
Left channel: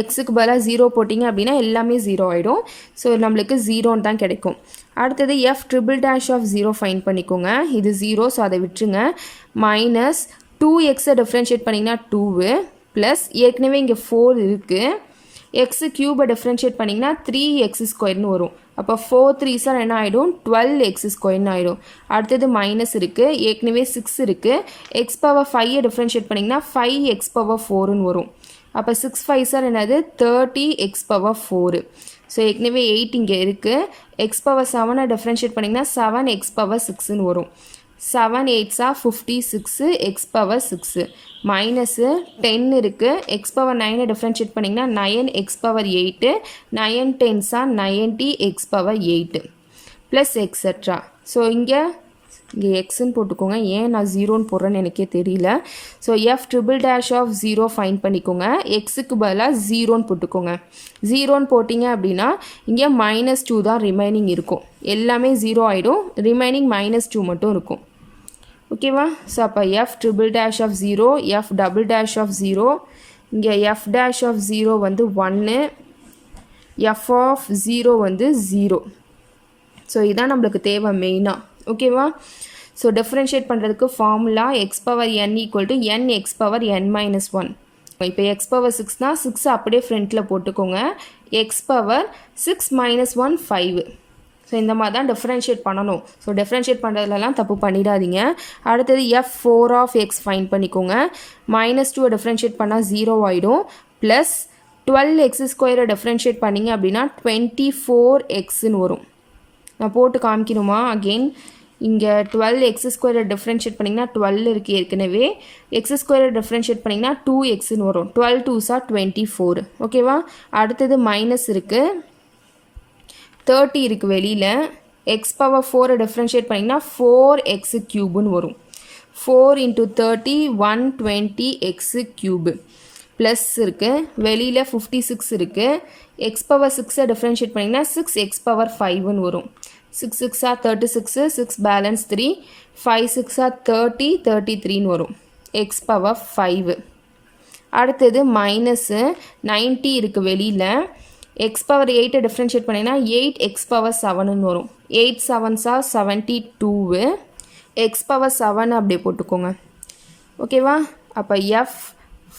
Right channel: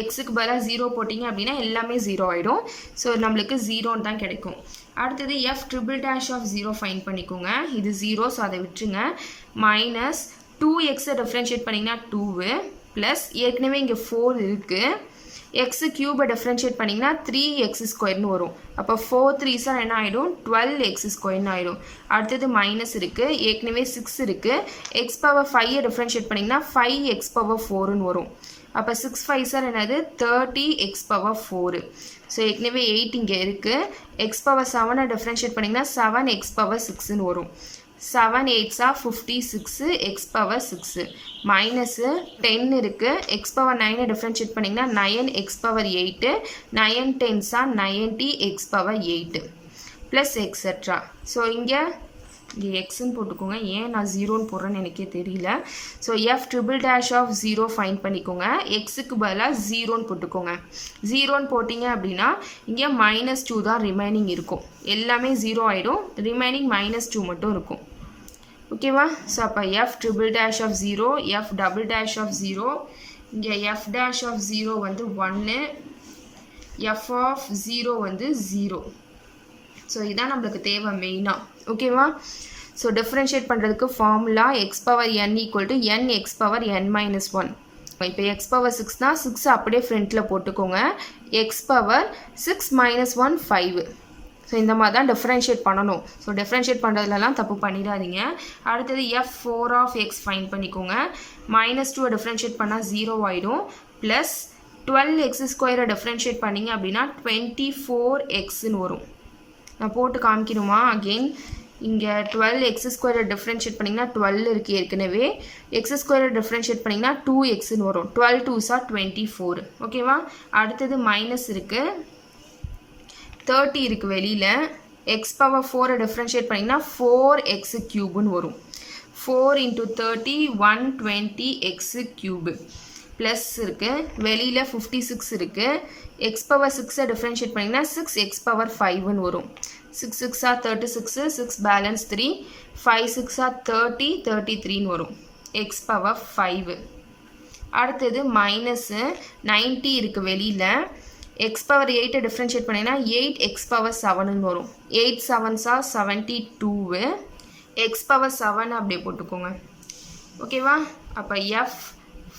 எக்ஸுக்கு பதிலாக 0 போட்டிங்க அப்படின்னா எல்லாமே 0 ஆகிடும். ஸோ நம்மளுக்கு 0ன்னு தான் கிடைக்கும். அடுத்தது f triple dash of 0 find பண்ணிக்கோங்க. இது 0, ஸோ அதை விட்டுருங்க. -2x டிஃப்ரென்ஷியேட் பண்ணிங்கன்னா 2 ப்ளஸ் ஏற்கனவே இங்கே 4 இருக்குது. x³ டிஃப்ரென்ஷியேட் பண்ணிங்கன்னா 3x² வரும். அப்போ 4 3s என்ன ஆகிடும்? 12x² ஆகிடும். அடுத்தது மைனஸ் இருக்குது. ஏற்கனவே 6 இருக்குது. x⁵ டிஃப்ரென்ஷியேட் பண்ணிங்கன்னா 5x⁴ வரும். அப்போ 6 5s என்னது? 30x⁴. ஸோ ஏற்கனவே 8 இங்கே இருக்குது. x⁻7 டிஃப்ரென்ஷியேட் பண்ணிங்கன்னா 7x⁻6 வரும். 7 8s 56 x⁻6 மைனஸு 10 இருக்குது. x⁻9 டிஃப்ரென்ஷியேட் பண்ணிங்கன்னா 9x⁸ 9 10s 90 x⁸ plus etcetera. So இங்கே எக்ஸ்ன்னு போட்டுக்கோங்க. ஏன் நான் 0ன்னு போடுறேன்னு எனக்கே தெரியல. So f triple dash of 0 find பண்ணிக்கோங்க. எக்ஸுக்கு பதிலாக 0ன்னு போட்டுக்கோங்க. 0ன்னு போட்டிங்க அப்படின்னா இங்கே -2 தான் ரிமைனிங் இருக்கும். எல்லாமே 0 ஆகிடும். ரிமைனிங் -2 மட்டும் இருக்கும். ஓகேவா? ஸோ அப்போ f triple dash of 0 f double dash of 0 இங்கே f டேஷ் ஆஃப் 0 வந்து 1 f ஆஃப் 0 வந்து 0. ஸோ இதான் நம்மளுக்கு தேவை மெயினாக. ஓகேவா? ஸோ டிஃப்ரென்ஷியேட் பண்ணுறதுக்கு ஃபார்முலா x⁻n = n x⁻n-1. இப்போ x⁻6னா 6 அப்படியே ஃப்ரண்ட்டில் போட்டுக்கோங்க. x⁻6 - 1 5. ஸோ இந்த மாதிரி தான் டிஃப்ரென்ஷியேட் பண்ணணும். ஸோ டிஃப்ரென்ஷியேட் பண்ணுறதுலலாம் தப்பு பண்ணிடாதீங்க. அடுத்தது f4 ஆஃப் x ஃபைன் பண்ணிக்கோங்க. -2 டிஃப்ரென்ஷியேட் பண்ணால் 0 ஆகிடும். ப்ளஸ் 12x² டிஃப்ரென்ஷியேட் பண்ணிங்க அப்படின்னா 24xன்னு வரும். நான் போட்டு காமிக்கணுமா? அகெயின் இங்கே 12x² டிஃப்ரென்ஷியேட் பண்ணிங்கன்னா 12 இருக்குது ஏற்கனவே. x² டிஃப்ரென்ஷியேட் பண்ணிங்கன்னா 2xன்னு வரும். 12 2s 24. ஓகேவா? அடுத்தது மைனஸ் இருக்குது. 30 இருக்குது வெளியில். x⁴ டிஃப்ரென்ஷியேட் பண்ணிங்கன்னா 4x³ வரும். 4 × 30 120x³. ப்ளஸ் இருக்குது, வெளியில் 56 இருக்குது. எக்ஸ் பவர் 6 டிஃப்ரென்ஷியேட் பண்ணிங்கன்னா 6 எக்ஸ் பவர் 5ன்னு வரும். 6 6 36, 6 பேலன்ஸ் 3, 5 6 30, 33ன்னு வரும். X power 5. அடுத்தது மைனஸு 90 இருக்குது வெளியில். எக்ஸ் பவர் 8 டிஃப்ரென்ஷியேட் பண்ணிங்கன்னா 8 எக்ஸ் பவர் 7ன்னு வரும். 8 7s 72, எக்ஸ் பவர் 7 அப்படியே போட்டுக்கோங்க. ஓகேவா? அப்போ எஃப்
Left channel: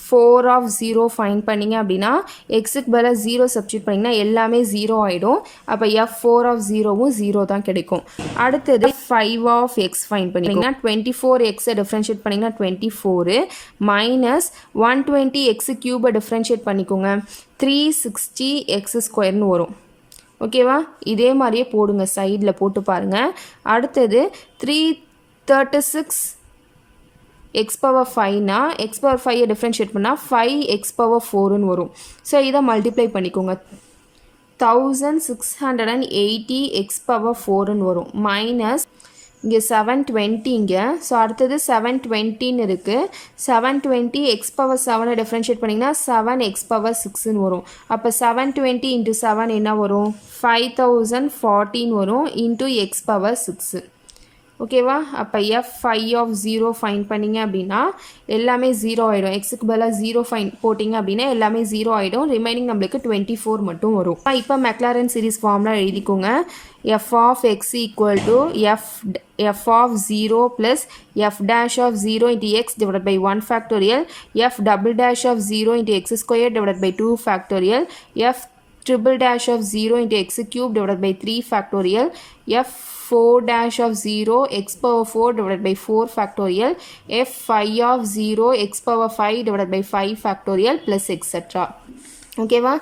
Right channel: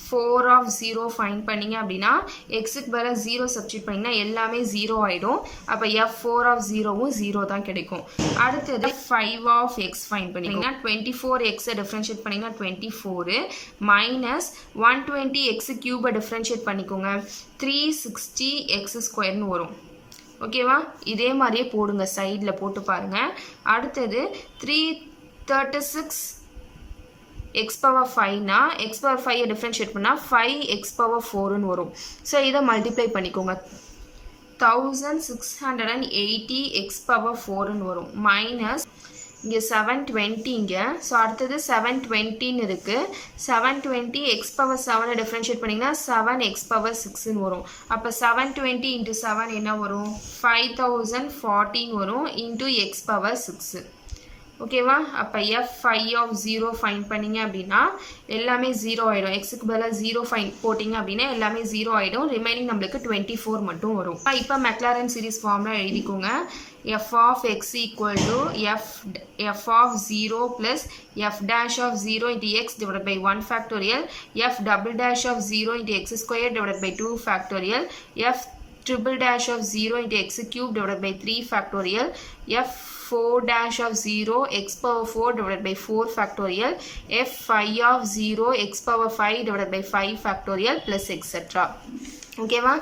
4 ஆஃப் 0 ஃபைன் பண்ணிங்க அப்படின்னா எக்ஸுக்கு பதிலாக 0 சப்ஸ்டியூட் பண்ணிங்கன்னா எல்லாமே 0 ஆகிடும். அப்போ எஃப் 4 ஆஃப் 0வும் 0 தான் கிடைக்கும். அடுத்தது 5 ஆஃப் எக்ஸ் ஃபைன் பண்ணிங்கன்னா 24 எக்ஸை டிஃப்ரென்ஷியேட் பண்ணிங்கன்னா 24 மைனஸ் 120 எக்ஸு க்யூபை டிஃப்ரென்ஷியேட் பண்ணிக்கோங்க 360 எக்ஸ் ஸ்கொயர்னு வரும். ஓகேவா? இதே மாதிரியே போடுங்க, சைடில் போட்டு பாருங்கள். அடுத்தது 336 எக்ஸ் பவர் 5னா எக்ஸ் பவர் 5 டிஃப்ரென்ஷியேட் பண்ணால் 5 எக்ஸ் பவர் 4ன்னு வரும். ஸோ இதை மல்டிப்ளை பண்ணிக்கோங்க. 1680 எக்ஸ் பவர் 4ன்னு வரும். மைனஸ் இங்கே 720 இங்கே. ஸோ அடுத்தது 720ன்னு இருக்குது. 720 எக்ஸ் பவர் 7 டிஃப்ரென்ஷியேட் பண்ணிங்கன்னா 7 எக்ஸ் பவர் 6ன்னு வரும். அப்போ 720 இன்ட்டு 7 என்ன வரும்? 5014 வரும் இன்ட்டு எக்ஸ் பவர் 6. ஓகேவா? அப்போ எஃப் 5 ஆஃப் 0 ஃபைன் பண்ணிங்க அப்படின்னா எல்லாமே 0 ஆகிடும். எக்ஸுக்கு பதிலாக 0 ஃபைன் போட்டிங்க அப்படின்னா எல்லாமே 0 ஆகிடும். ரிமைனிங் நம்மளுக்கு 24 மட்டும் வரும். இப்போ மெக்லாரன் சீரிஸ் ஃபார்முலா எழுதிக்கோங்க. F of x equal to f of 0 plus f dash of 0 into x divide by 1 factorial, f double dash of 0 into x square divide by 2 factorial, f triple dash of 0 into x cube divided by 3 factorial, f 4 dash of 0 x power 4 divided by 4 factorial, f 5 of 0 x power 5 divided by 5 factorial plus etc. ஓகேவா?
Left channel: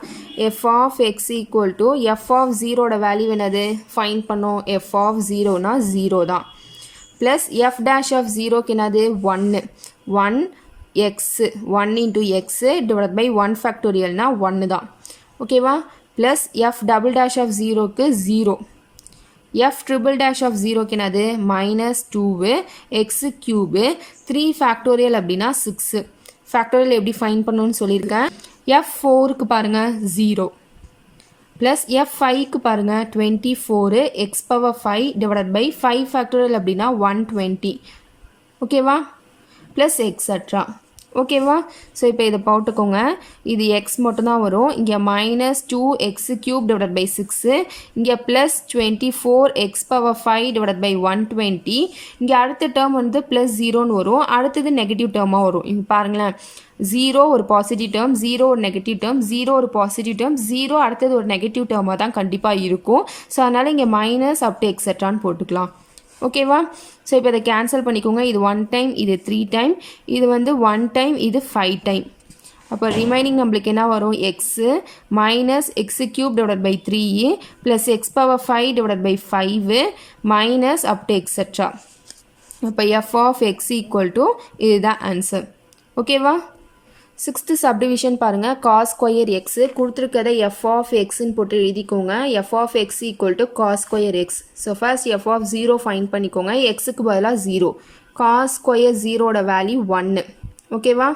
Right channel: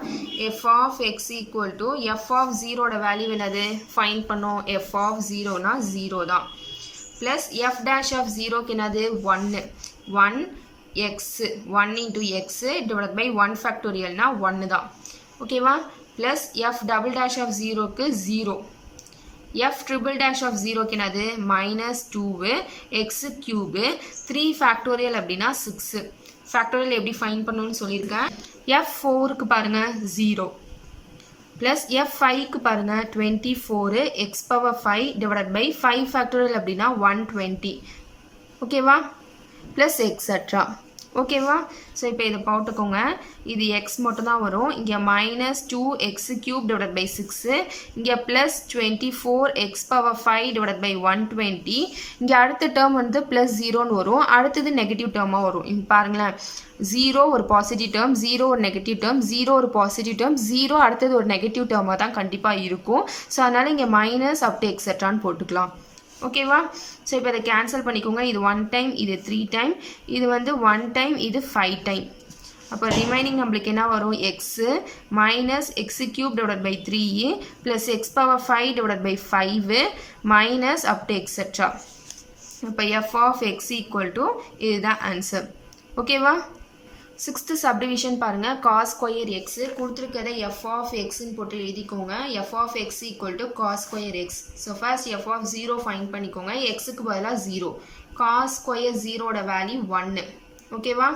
f of x equal to f of 0 ஓட value என்னது? Find பண்ணோம். f of 0னா 0 தான். plus f dash of 0க்கு என்னது? 1 x 1 into x divided by 1 factorialனா 1 தான். ஓகேவா? Plus f double dash of 0க்கு 0, எஃப் ட்ரிபிள் டேஷ் ஆஃப் 0க்கு என்னது? மைனஸ் 2 எக்ஸு க்யூபு 3 ஃபேக்டோரியல் அப்படின்னா 6. ஃபேக்டோரியல் எப்படி ஃபைன் பண்ணணும்னு சொல்லியிருக்கேன். எஃப் 4க்கு பாருங்கள் 0 ப்ளஸ் எஃப் 5க்கு பாருங்கள் 24 x power 5 divide by 5 factorial அப்படின்னா 120. ஓகேவா? Plus etcetera. ஓகேவா? ஸோ இப்போ இதை போட்டுக்கோங்க. இது எக்ஸ் மட்டும்தான் வரும். இங்கே minus 2 x cube divide by 6, இங்கே plus 24 x power 5 divide by 120. இங்கே அடுத்த டேர்ம் வந்து ப்ளஸ் 0ன்னு வரும். அடுத்தது நெகட்டிவ் டேர்மாக வரும். இங்கே பாருங்களேன், 0 ஒரு பாசிட்டிவ் டேர்ம், 0 ஒரு நெகட்டிவ் டேர்ம், 0 ஒரு பாசிட்டிவ் டேர்ம், 0 அடுத்தது ஒரு நெகட்டிவ் டேர்மாக தான் கண்டிப்பாக இருக்கும். ஸோ அதனால் இங்கே மைனஸ் அப் டு எக்ஸட்ரான்னு போட்டுக்கலாம். ஓகேவா? ஸோ இப்போ இதை கேன்சல் பண்ணிக்கோங்க. இது 1 டைம், இது 3 டைம், இது வந்து 1 டைம், இது 5 டைம். அப்போ ரிமைனிங் நம்மளுக்கு என்ன வரும்? X minus x cube divide by 3 plus x power 5 divide by 5 minus up to extra. அப்போ f of x equal to இதுதான் ஆன்சர். ஓகேவா? 6th சப்டிவிஷன் பாருங்கள். காஸ் ஸ்கொயர் எக்ஸு கொடுத்துருக்கதை எஃப் ஆஃப் எக்ஸ்ன்னு போட்டு எழுதிக்கோங்க. F of x equal to cos square x. So first f of 0 find பண்ணிக்கோங்க. எக்ஸுக்கு பதிலாக 0. காஸ் ஸ்கொயர் 0ஓட வேல்யூ 1. ஓகேவா?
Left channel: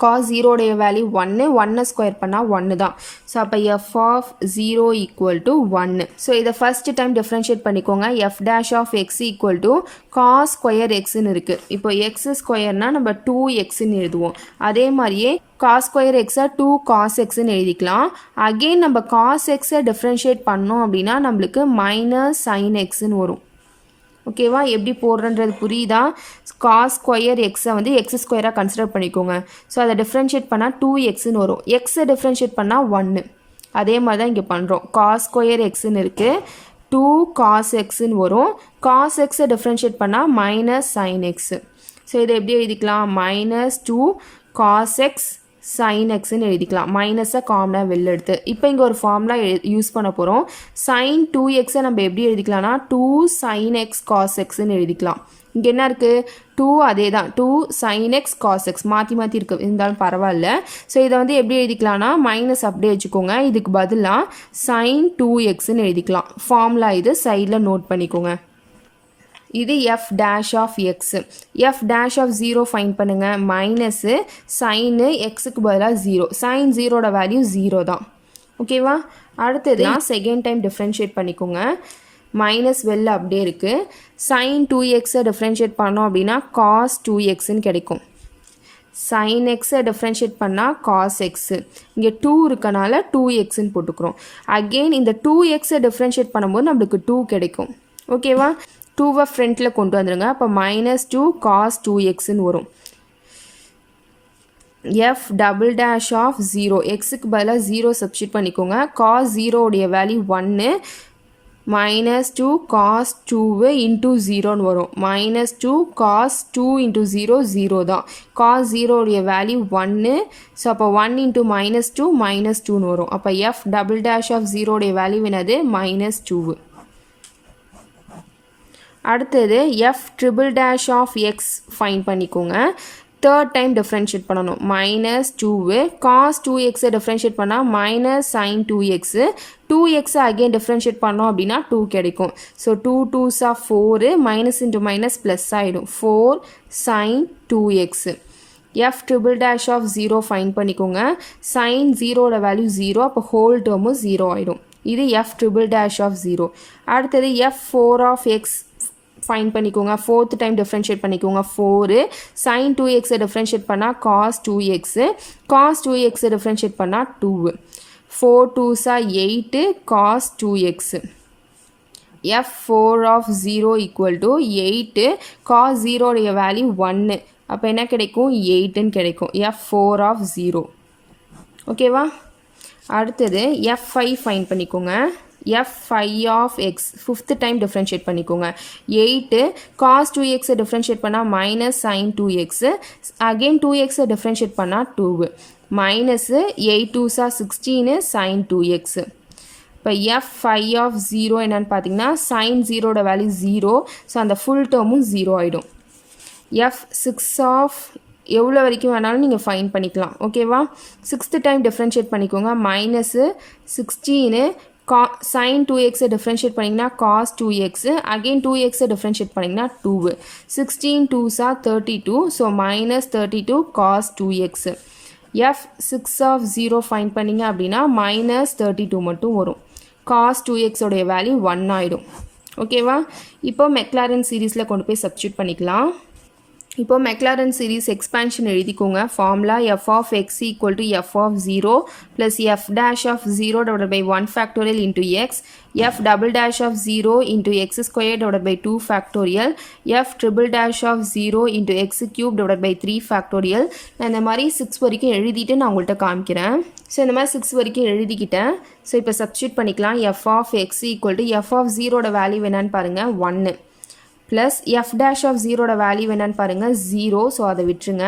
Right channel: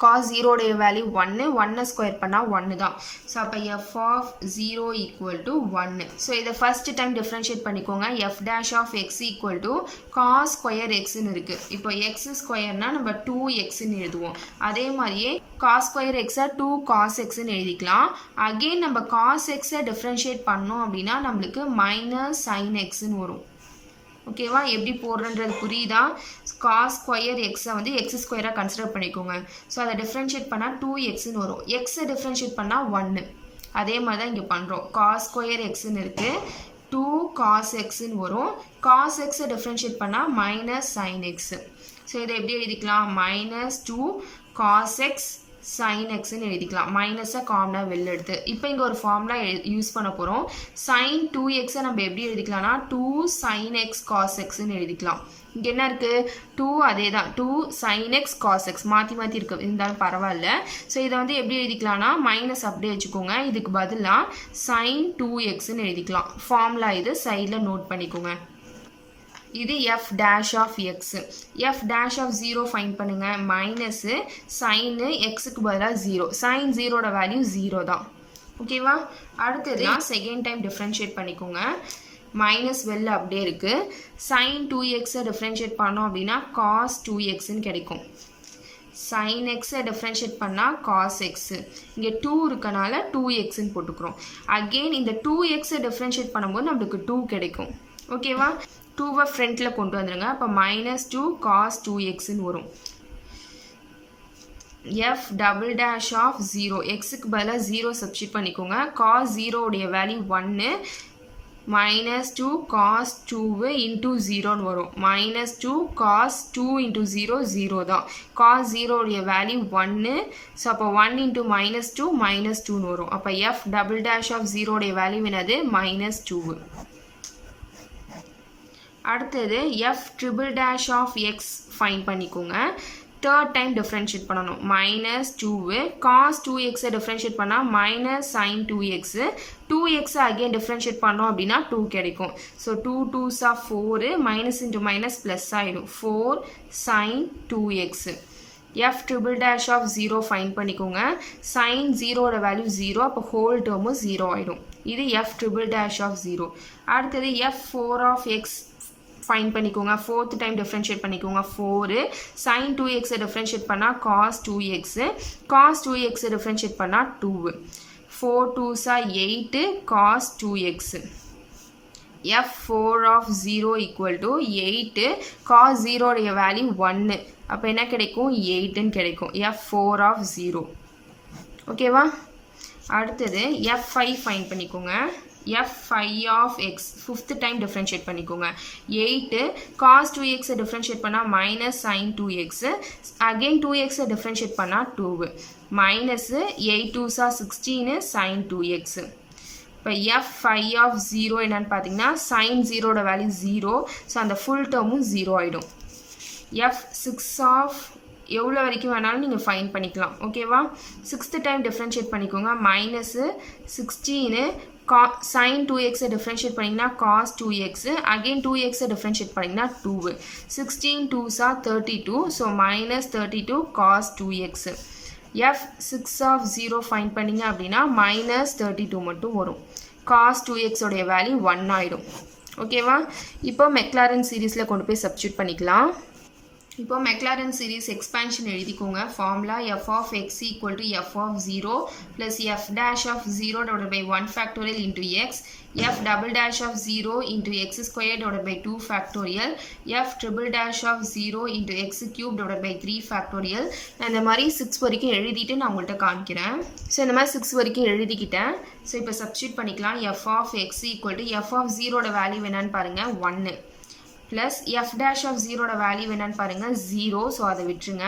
காஸ் 0ஓடைய வேல்யூ 1 ஸ்கொயர் பண்ணால் 1 தான். ஸோ அப்போ f of 0 equal to 1. So இதை ஃபஸ்ட்டு டைம் டிஃப்ரென்ஷியேட் பண்ணிக்கோங்க. F dash of x equal to cos square எக்ஸ்ன்னு இருக்குது. இப்போ எக்ஸ் ஸ்கொயர்னால் நம்ம 2xன்னு எழுதுவோம். அதே மாதிரியே காஸ் ஸ்கொயர் எக்ஸை 2 காஸ் எக்ஸ்ன்னு எழுதிக்கலாம். அகெயின் நம்ம காஸ் எக்ஸை டிஃப்ரென்ஷியேட் பண்ணோம் அப்படின்னா நம்மளுக்கு மைனஸ் சைன் எக்ஸ்ன்னு வரும். ஓகேவா? எப்படி போடுறன்றது புரியுதா? காஸ் ஸ்கொயர் எக்ஸை வந்து எக்ஸ் ஸ்கொயராக கன்சிடர் பண்ணிக்கோங்க. ஸோ அதை டிஃப்ரென்ஷியேட் பண்ணால் 2xன்னு வரும். எக்ஸை டிஃப்ரென்ஷியேட் பண்ணால் 1. அதே மாதிரி தான் இங்கே பண்ணுறோம். காஸ் ஸ்கொயர் எக்ஸ்ன்னு இருக்குது, 2 காஸ் எக்ஸ்ன்னு வரும். காஸ் எக்ஸை டிஃப்ரென்ஷியேட் பண்ணால் மைனஸ் சைன் எக்ஸு. ஸோ இதை எப்படி எழுதிக்கலாம்? மைனஸ் 2 காஸ் எக்ஸ் சைன் எக்ஸ்ன்னு எழுதிக்கலாம். மைனஸை காமனாக வெளில எடுத்து. இப்போ இங்கே ஒரு ஃபார்முலா யூஸ் பண்ண போகிறோம். சைன் 2xை நம்ம எப்படி எழுதிக்கலாம்னா 2 சைன் எக்ஸ் காஸ் எக்ஸ்ன்னு எழுதிக்கலாம். இங்கே என்ன இருக்குது? 2 அதே தான், 2 சைன் எக்ஸ் காஸ் எக்ஸ் மாற்றி மாற்றி இருக்குது, இருந்தாலும் பரவாயில்ல. ஸோ இதை வந்து எப்படி எழுதிக்கலாம்னா மைனஸ் அப்படியே வச்சுக்கோங்க. இதுக்கு பதிலாக சைன் 2xன்னு எழுதிக்கலாம். ஃபார்முலா இது சைடில் நோட் பண்ணிக்கோங்க. இது f dash of x. F dash of 0 find பண்ணுங்கள். மைனஸு சைனு எக்ஸுக்கு பதிலாக 0. சைன் 0ஓட வேல்யூ 0 தான். ஓகேவா? அடுத்தது செகண்ட் டைம் டிஃப்ரென்ஷியேட் பண்ணிக்கோங்க. மைனஸ் வெளில அப்படியே இருக்குது. சைன் 2xை டிஃப்ரென்ஷியேட் பண்ணோம் அப்படின்னா காஸ் 2xன்னு கிடைக்கும். சைன் எக்ஸை டிஃப்ரென்ஷியேட் பண்ணால் காஸ் எக்ஸு. இங்கே 2 இருக்கனால 2xன்னு போட்டுக்கிறோம். அகெயின் இந்த 2xை டிஃப்ரென்ஷியேட் பண்ணும்போது நம்மளுக்கு 2 கிடைக்கும். ஓகேவா? 2வை ஃப்ரண்ட்டில் கொண்டு வந்துடுங்க. அப்போ -2 cos 2xன்னு வரும். எஃப் டபுள் டேஷ் ஆஃப் 0 எக்ஸுக்கு பதிலாக 0 சப்ஸ்டியூட் பண்ணிக்கோங்க. cos 0உடைய வேல்யூ 1, -2 cos 2 இன்ட்டு 0ன்னு வரும். -2 cos 2 இன்ட்டு 0 0 தான். cos 0உடைய வேல்யூ 1, ஸோ அப்போ 1 இன்ட்டு -2 -2ன்னு வரும். அப்போ எஃப் டபுள் டேஷ் ஆஃப் 0உடைய வேல்யூ என்னது? -2. அடுத்தது F triple dash of x find பண்ணிக்கோங்க. தேர்ட் டைம் டிஃப்ரென்ஷியேட் பண்ணணும். -2 cos 2xை டிஃப்ரென்ஷியேட் பண்ணால் -sin 2x. 2xை அகெயின் டிஃப்ரென்ஷியேட் பண்ணோம் அப்படின்னா 2 கிடைக்கும். So 2 2s are 4, minus into minus plus ஆகிடும். 4 sin 2x. F triple dash of 0 find பண்ணிக்கோங்க. sin 0ஓட வேல்யூ 0, அப்போ ஹோல் டேர்மும் 0 ஆகிடும். இது எஃப் ட்ரிபிள் டேஷ் ஆஃப் 0. அடுத்தது எஃப் 4 ஆஃப் எக்ஸ் ஃபைன் பண்ணிக்கோங்க. ஃபோர்த் டைம் டிஃப்ரென்ஷியேட் பண்ணிக்கோங்க. 4 sin 2xை டிஃப்ரென்ஷியேட் பண்ணால் cos 2x. cos 2xை டிஃப்ரென்ஷியேட் பண்ணால் 2. 4 2s are 8 cos 2x. F 4 of 0 equal to 8 cos 0உடைய வேல்யூ 1. அப்போ என்ன கிடைக்கும்? 8ன்னு கிடைக்கும். எஃப் 4 ஆஃப் 0. ஓகேவா? அடுத்தது f5 ஃபைன் பண்ணிக்கோங்க. f5 of x fifth time differentiate பண்ணிக்கோங்க. 8 cos 2xை டிஃப்ரென்ஷியேட் பண்ணால் -sin 2x. அகெயின் 2xை டிஃப்ரென்ஷியேட் பண்ணால் 2. Minus 8 2s are 16 sin 2x. இப்போ f5 ஆஃப் 0 என்னன்னு பார்த்தீங்கன்னா sin 0ஓட வேல்யூ 0, ஸோ அந்த ஃபுல் டேர்மும் 0 ஆகிடும். f6 ஆஃப் எவ்வளோ வரைக்கும் வேணாலும் நீங்கள் ஃபைன் பண்ணிக்கலாம். ஓகேவா? சிக்ஸ்த்து டைம் டிஃப்ரென்ஷியேட் பண்ணிக்கோங்க. -16 sin 2xை டிஃப்ரென்ஷியேட் பண்ணிங்கன்னா cos 2x. அகெயின் 2xை டிஃப்ரென்ஷியேட் பண்ணிங்கன்னா 2. 16 2s are 32, so -32 cos 2x. f6 of 0 find பண்ணிங்க அப்படின்னா -32 மட்டும் வரும். cos 2x உடைய வேல்யூ 1 ஆகிடும். ஓகேவா? இப்போ மெக்லாரன் சீரீஸில் கொண்டு போய் சப்ஸ்டியூட் பண்ணிக்கலாம். இப்போ மெக்லாரன் சீரீஸ் எக்ஸ்பேன்ஷன் எழுதிக்கோங்க. Formula f of x equal to f of 0 plus f dash of 0 divided by 1 factorial into x, f double dash of 0 into x squared divided by 2 factorial, f triple dash of 0 into x cube divided by 3 factorial. நான் இந்த மாதிரி 6 வரைக்கும் எழுதிட்டு நான் உங்கள்கிட்ட காமிக்கிறேன். So இந்த மாதிரி 6 வரைக்கும் எழுதிக்கிட்டேன். ஸோ இப்போ சப்ஸ்டியூட் பண்ணிக்கலாம். f of x equal to f of 0ஓட வேல்யூ என்னன்னு பாருங்கள் 1 ப்ளஸ் எஃப் டேஷ் ஆஃப் 0ஓட வேல்யூ என்னன்னு பாருங்கள் 0, ஸோ அதை விட்டுருங்க.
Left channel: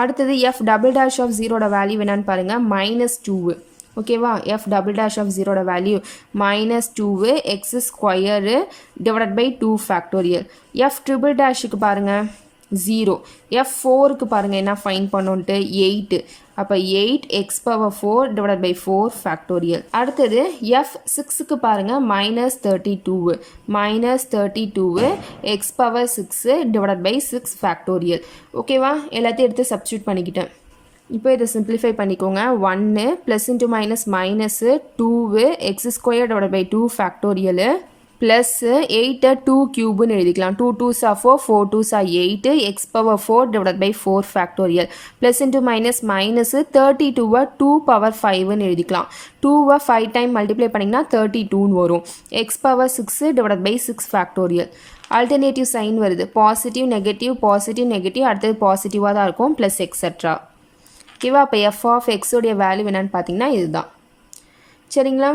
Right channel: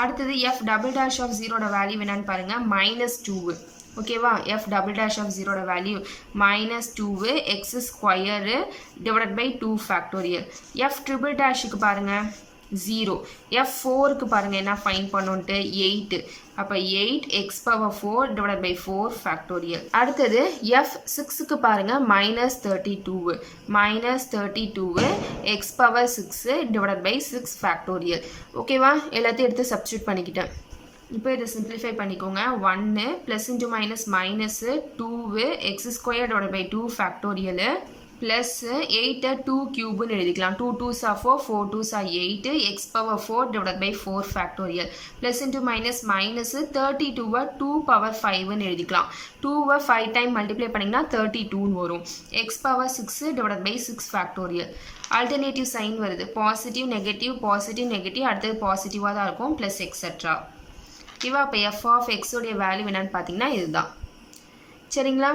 அடுத்தது எஃப் டபுள் டேஷ் ஆஃப் 0ஓட வேல்யூ என்னன்னு பாருங்கள் -2. ஓகேவா? எஃப் டபுள் டேஷ் ஆஃப் 0ஓட value -2 x square divided by 2 factorial. F triple டேஷுக்கு பாருங்கள் 0. f4க்கு பாருங்கள் என்ன ஃபைன் பண்ணோன்ட்டு 8. அப்போ 8 x power 4 divided by 4 factorial. அடுத்தது f6க்கு பாருங்கள் -32. -32 x power 6 divided by 6 factorial. ஓகேவா? எல்லாத்தையும் எடுத்து சப்ஸ்டியூட் பண்ணிக்கிட்டேன். இப்போ இதை சிம்பிளிஃபை பண்ணிக்கோங்க. 1 plus into minus minus 2 x square divided by 2 factorial plus 8 2 க்யூப்னு எழுதிக்கலாம். 2 2s are 4, 4 2s are 8 x power 4 divided by 4 factorial. Plus into minus minus 32 2 power 5ன்னு எழுதிக்கலாம். 2 5 டைம் மல்டிப்ளை பண்ணிங்கன்னா 32ன்னு வரும். x power 6 divided by 6 factorial. Alternative sign வருது. Positive negative அடுத்தது பாசிட்டிவாக தான் இருக்கும் ப்ளஸ் எக்ஸட்ரா. ஓகேவா? அப்போ f of x உடைய வேல்யூ என்னன்னு பார்த்தீங்கன்னா இதுதான். சரிங்களா?